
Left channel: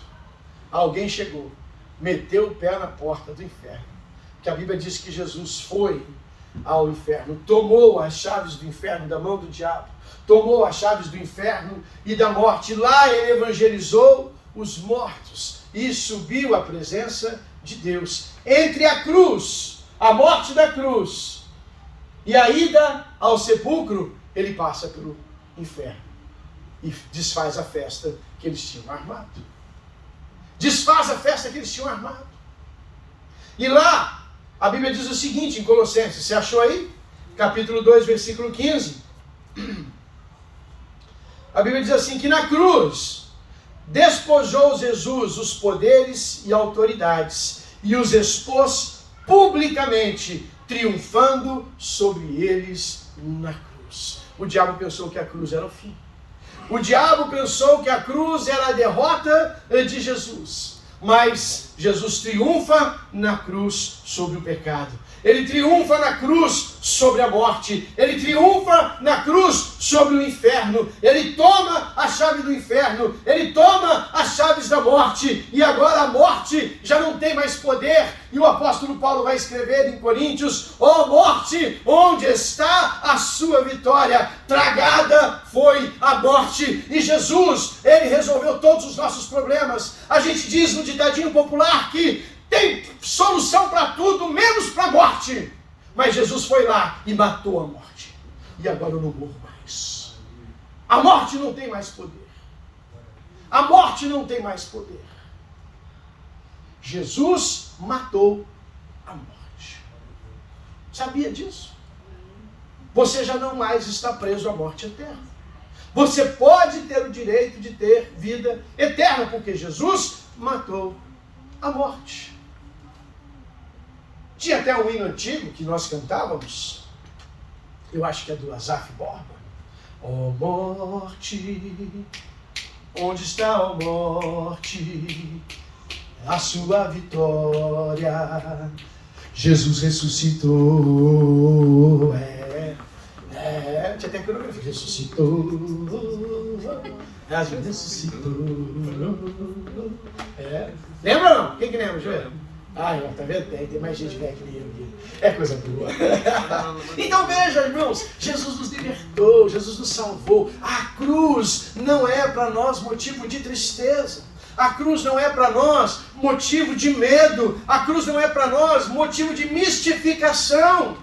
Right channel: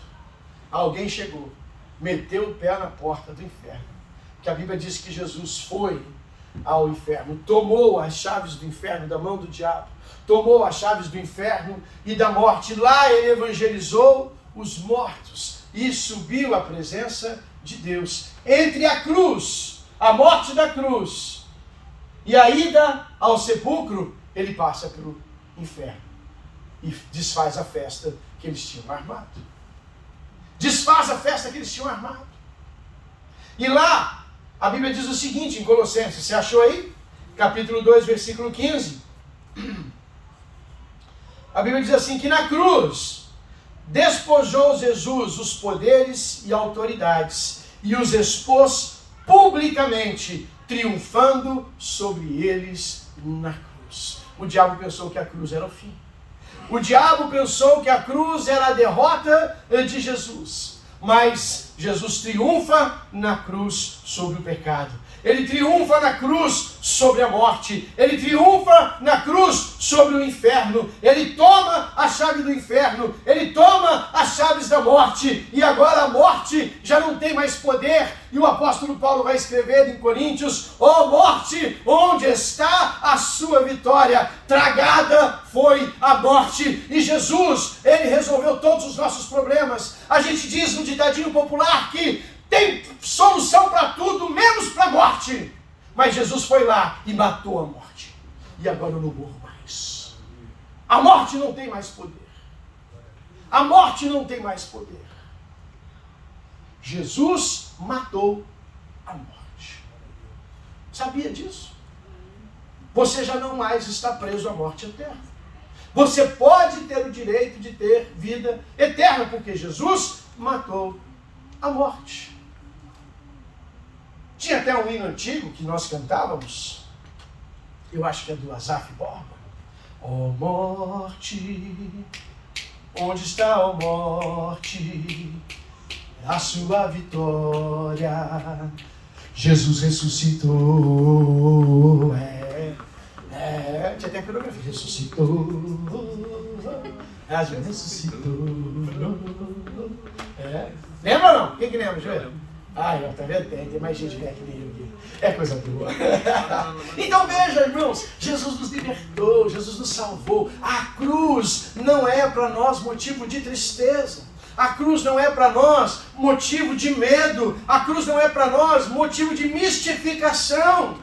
alguém chegou, meteu o pé na porta do inferno. Porque a Bíblia diz que Jesus foi ao inferno, tomou as chaves do inferno da mão do diabo, tomou as chaves do inferno e da morte. Lá ele evangelizou os mortos e subiu à presença de Deus. Entre a cruz, a morte da cruz e a ida ao sepulcro, ele passa pelo inferno e desfaz a festa que eles tinham armado. Desfaz a festa que eles tinham armado. E lá, a Bíblia diz o seguinte em Colossenses, você achou aí? Capítulo 2, versículo 15. A Bíblia diz assim, que na cruz despojou Jesus os poderes e autoridades e os expôs publicamente, triunfando sobre eles na cruz. O diabo pensou que a cruz era o fim. O diabo pensou que a cruz era a derrota de Jesus. Mas Jesus triunfa na cruz sobre o pecado. Ele triunfa na cruz sobre a morte. Ele triunfa na cruz sobre o inferno. Ele toma a chave do inferno. Ele toma as chaves da morte. E agora a morte já não tem mais poder. E o apóstolo Paulo vai escrever em Coríntios: ó morte, onde está a sua vitória? Tragada foi a morte. E Jesus, ele resolveu todos os nossos problemas. A gente diz no ditadinho popular que tem solução para tudo, menos para a morte. Mas Jesus foi lá e matou a morte. E agora eu não morro mais. A morte não tem mais poder. A morte não tem mais poder. Jesus matou a morte. Sabia disso? Você já não mais está preso à morte eterna. Você pode ter o direito de ter vida eterna, porque Jesus matou a morte. Tinha até um hino antigo que nós cantávamos, eu acho que é do Asaf Borba. Ó morte, onde está a morte? A sua vitória. Jesus ressuscitou. Tinha até a coreografia. Ressuscitou. Jesus ressuscitou. Lembra ou não? Quem que lembra, Joel? Tá vendo? Tem mais gente velha que eu. É coisa boa. Então veja, irmãos, Jesus nos libertou, Jesus nos salvou. A cruz não é para nós motivo de tristeza. A cruz não é para nós motivo de medo. A cruz não é para nós motivo de mistificação.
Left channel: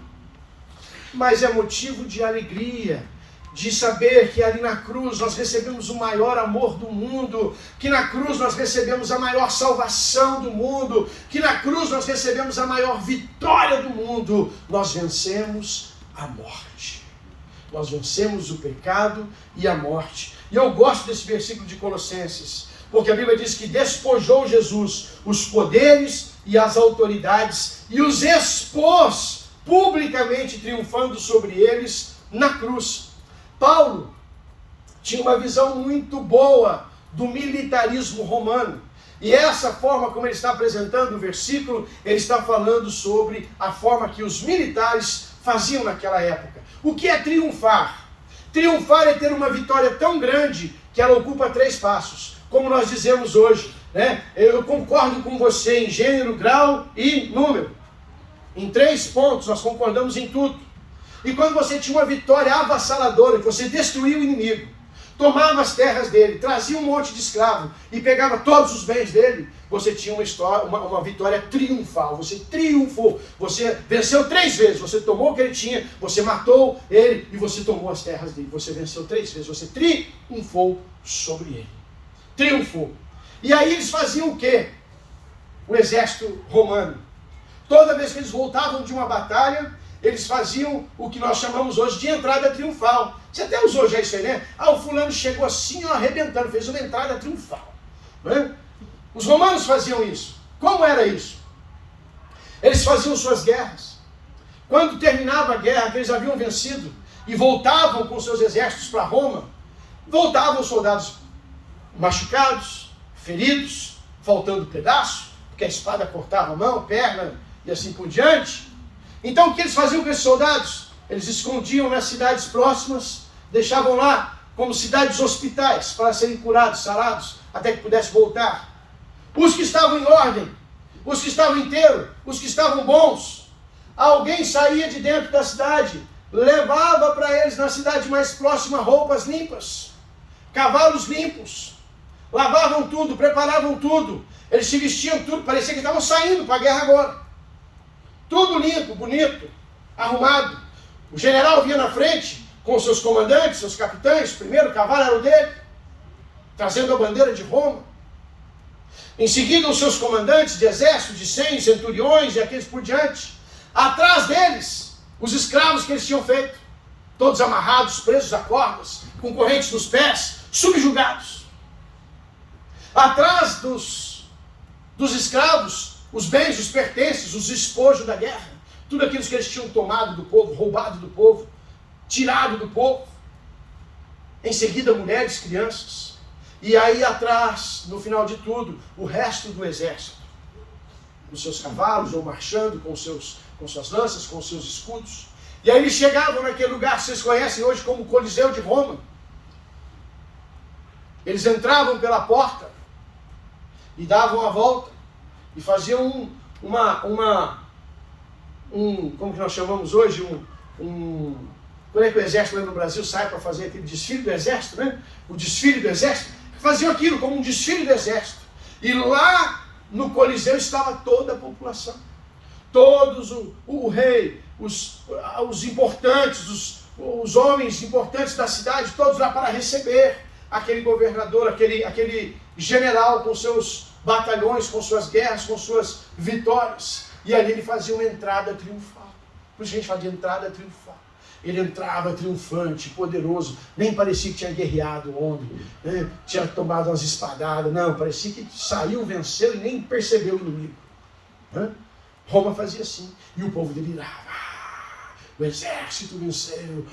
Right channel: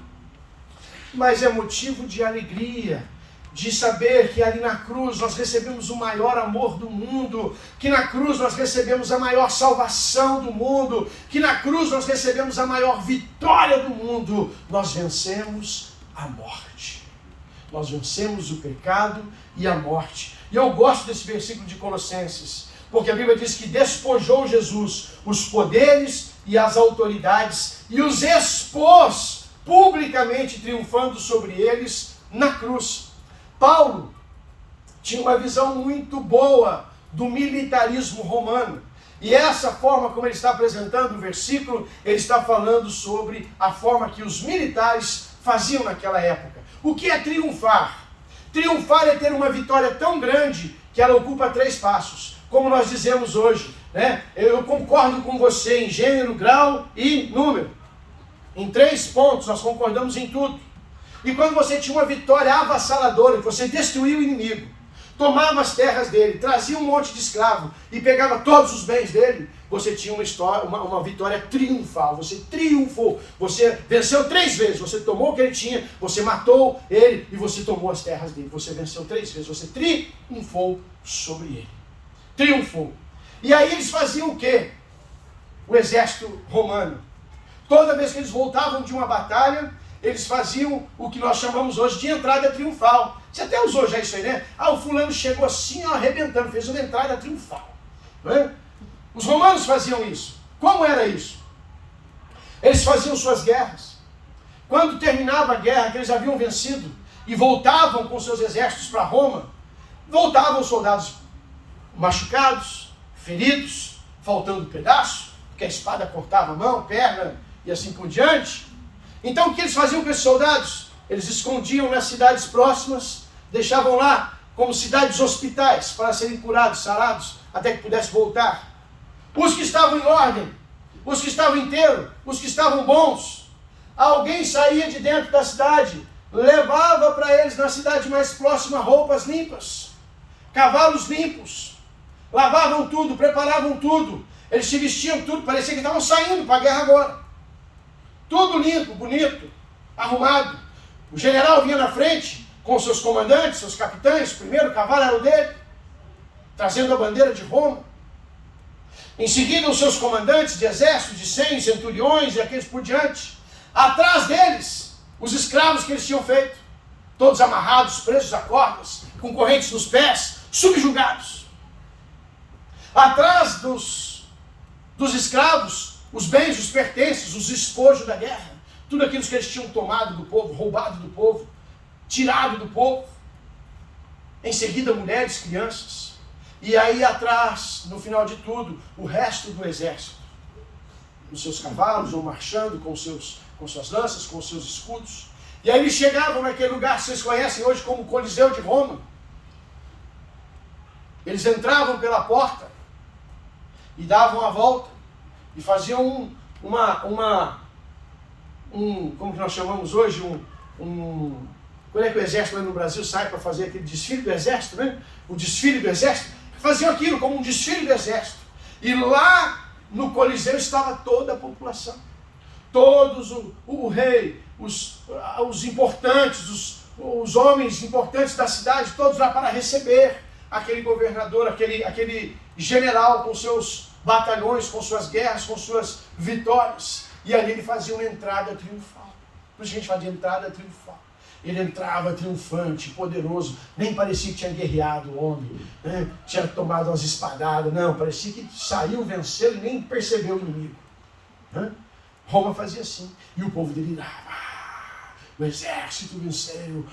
Mas é motivo de alegria. De saber que ali na cruz nós recebemos o maior amor do mundo, que na cruz nós recebemos a maior salvação do mundo, que na cruz nós recebemos a maior vitória do mundo. Nós vencemos a morte. Nós vencemos o pecado e a morte. E eu gosto desse versículo de Colossenses, porque a Bíblia diz que despojou Jesus os poderes e as autoridades e os expôs publicamente, triunfando sobre eles na cruz. Paulo tinha uma visão muito boa do militarismo romano. E essa forma como ele está apresentando o versículo, ele está falando sobre a forma que os militares faziam naquela época. O que é triunfar? Triunfar é ter uma vitória tão grande que ela ocupa 3 passos. Como nós dizemos hoje, né? Eu concordo com você em gênero, grau e número. Em 3 pontos nós concordamos em tudo. E quando você tinha uma vitória avassaladora, você destruía o inimigo, tomava as terras dele, trazia um monte de escravo e pegava todos os bens dele, você tinha uma vitória triunfal. Você triunfou, você venceu 3 vezes, você tomou o que ele tinha, você matou ele e você tomou as terras dele. Você venceu 3 vezes, você triunfou sobre ele. Triunfou. E aí eles faziam o quê? O exército romano. Toda vez que eles voltavam de uma batalha, eles faziam o que nós chamamos hoje de entrada triunfal. Você até usou já isso aí, né? O fulano chegou assim, arrebentando, fez uma entrada triunfal. Não é? Os romanos faziam isso. Como era isso? Eles faziam suas guerras. Quando terminava a guerra, que eles haviam vencido, e voltavam com seus exércitos para Roma, voltavam soldados machucados, feridos, faltando pedaço, porque a espada cortava a mão, perna e assim por diante. Então o que eles faziam com esses soldados? Eles escondiam nas cidades próximas, deixavam lá como cidades hospitais para serem curados, sarados, até que pudesse voltar. Os que estavam em ordem, os que estavam inteiros, os que estavam bons, alguém saía de dentro da cidade, levava para eles na cidade mais próxima roupas limpas, cavalos limpos, lavavam tudo, preparavam tudo, eles se vestiam tudo, parecia que estavam saindo para a guerra agora. Tudo limpo, bonito, arrumado. O general vinha na frente com seus comandantes, seus capitães, o primeiro cavalo era o dele, trazendo a bandeira de Roma. Em seguida, os seus comandantes de exército, de 100 centuriões e aqueles por diante. Atrás deles, os escravos que eles tinham feito, todos amarrados, presos a cordas, com correntes nos pés, subjugados. Atrás dos escravos, os bens, os pertences, os espojos da guerra, tudo aquilo que eles tinham tomado do povo, roubado do povo, tirado do povo. Em seguida, mulheres, crianças. E aí atrás, no final de tudo, o resto do exército. Nos seus cavalos, ou marchando com suas lanças, com seus escudos. E aí eles chegavam naquele lugar que vocês conhecem hoje como o Coliseu de Roma. Eles entravam pela porta e davam a volta e faziam como que nós chamamos hoje, quando é que o exército no Brasil sai para fazer aquele desfile do exército, né? O desfile do exército. Faziam aquilo como um desfile do exército. E lá no Coliseu estava toda a população. Todos, o rei, os importantes, os homens importantes da cidade, todos lá para receber aquele governador, aquele general com seus batalhões, com suas guerras, com suas vitórias. E ali ele fazia uma entrada triunfal. Por isso a gente fala de entrada triunfal. Ele entrava triunfante, poderoso, nem parecia que tinha guerreado o homem, né? Tinha tomado umas espadadas, não, parecia que saiu, venceu e nem percebeu o inimigo. Né? Roma fazia assim, e o povo delirava, o exército venceu,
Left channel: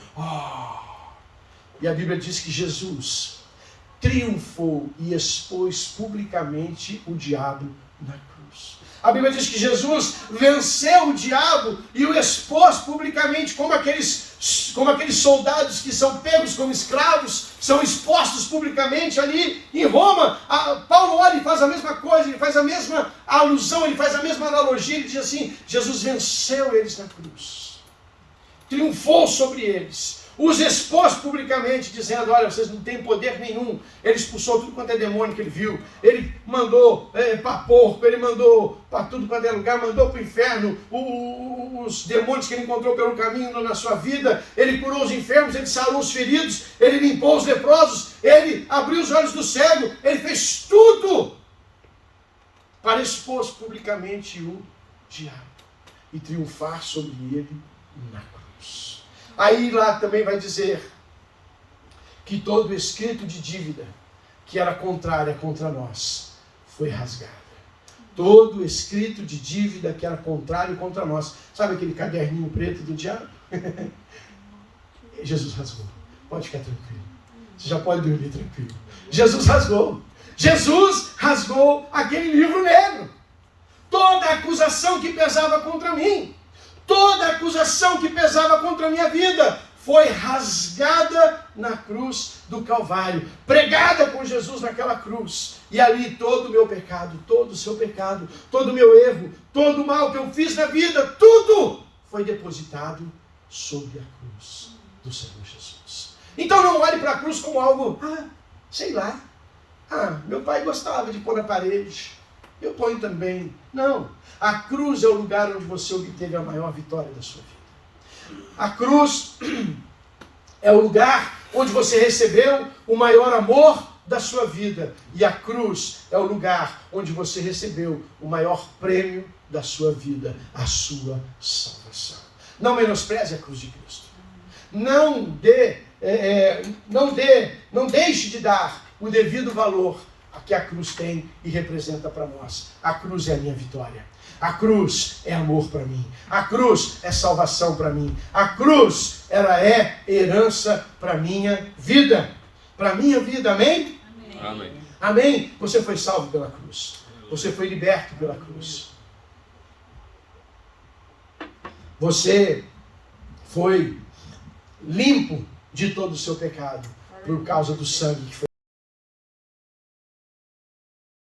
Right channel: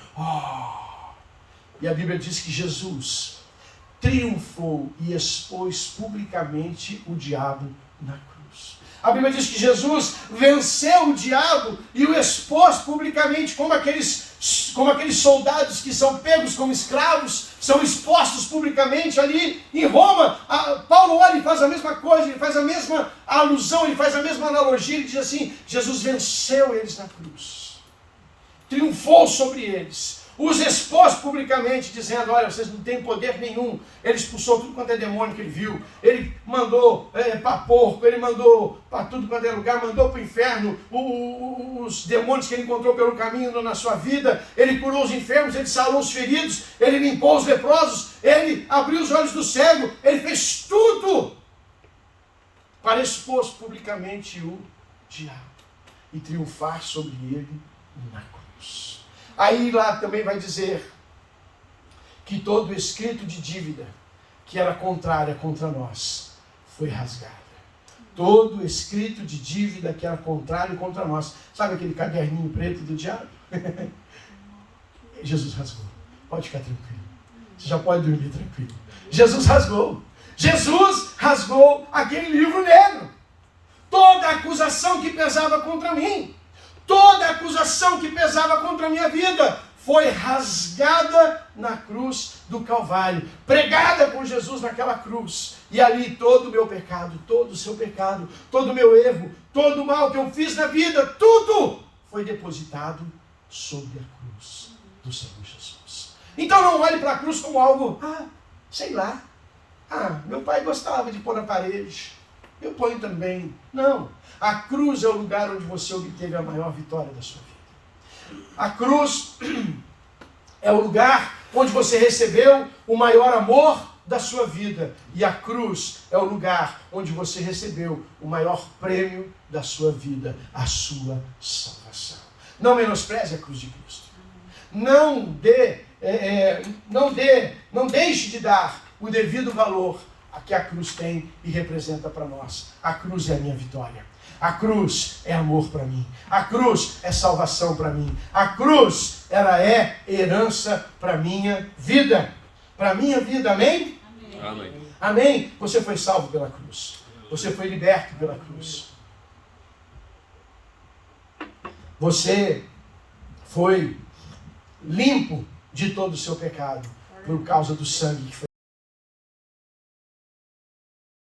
E a Bíblia diz que Jesus triunfou e expôs publicamente o diabo na cruz. A Bíblia diz que Jesus venceu o diabo e o expôs publicamente, como aqueles soldados que são pegos como escravos, são expostos publicamente ali em Roma. Paulo olha e faz a mesma coisa, ele faz a mesma alusão, ele faz a mesma analogia, ele diz assim, Jesus venceu eles na cruz, triunfou sobre eles, os expôs publicamente, dizendo, olha, vocês não têm poder nenhum. Ele expulsou tudo quanto é demônio que ele viu. Ele mandou para porco, ele mandou para tudo quanto é lugar, mandou para o inferno os demônios que ele encontrou pelo caminho na sua vida. Ele curou os enfermos, ele sarou os feridos, ele limpou os leprosos, ele abriu os olhos do cego, ele fez tudo para expor publicamente o diabo e triunfar sobre ele na cruz. Aí lá também vai dizer que todo escrito de dívida que era contrária contra nós foi rasgada. Todo escrito de dívida que era contrário contra nós. Sabe aquele caderninho preto do diabo? Jesus rasgou. Pode ficar tranquilo. Você já pode dormir tranquilo. Jesus rasgou. Jesus rasgou aquele livro negro. Toda acusação que pesava contra mim, toda acusação que pesava contra a minha vida foi rasgada na cruz do Calvário, pregada por Jesus naquela cruz. E ali todo o meu pecado, todo o seu pecado, todo o meu erro, todo o mal que eu fiz na vida, tudo foi depositado sobre a cruz do Senhor Jesus. Então não olhe para a cruz como algo, sei lá, meu pai gostava de pôr na parede, eu ponho também. Não. A cruz é o lugar onde você obteve a maior vitória da sua vida. A cruz é o lugar onde você recebeu o maior amor da sua vida. E a cruz é o lugar onde você recebeu o maior prêmio da sua vida, a sua salvação. Não menospreze a cruz de Cristo. Não deixe de dar o devido valor a que a cruz tem e representa para nós. A cruz é a minha vitória. A cruz é amor para mim. A cruz é salvação para mim. A cruz, ela é herança para minha vida. Para minha vida, amém? Amém. Amém? Você foi salvo pela cruz. Você foi liberto pela cruz. Você foi limpo de todo o seu pecado por causa do sangue que foi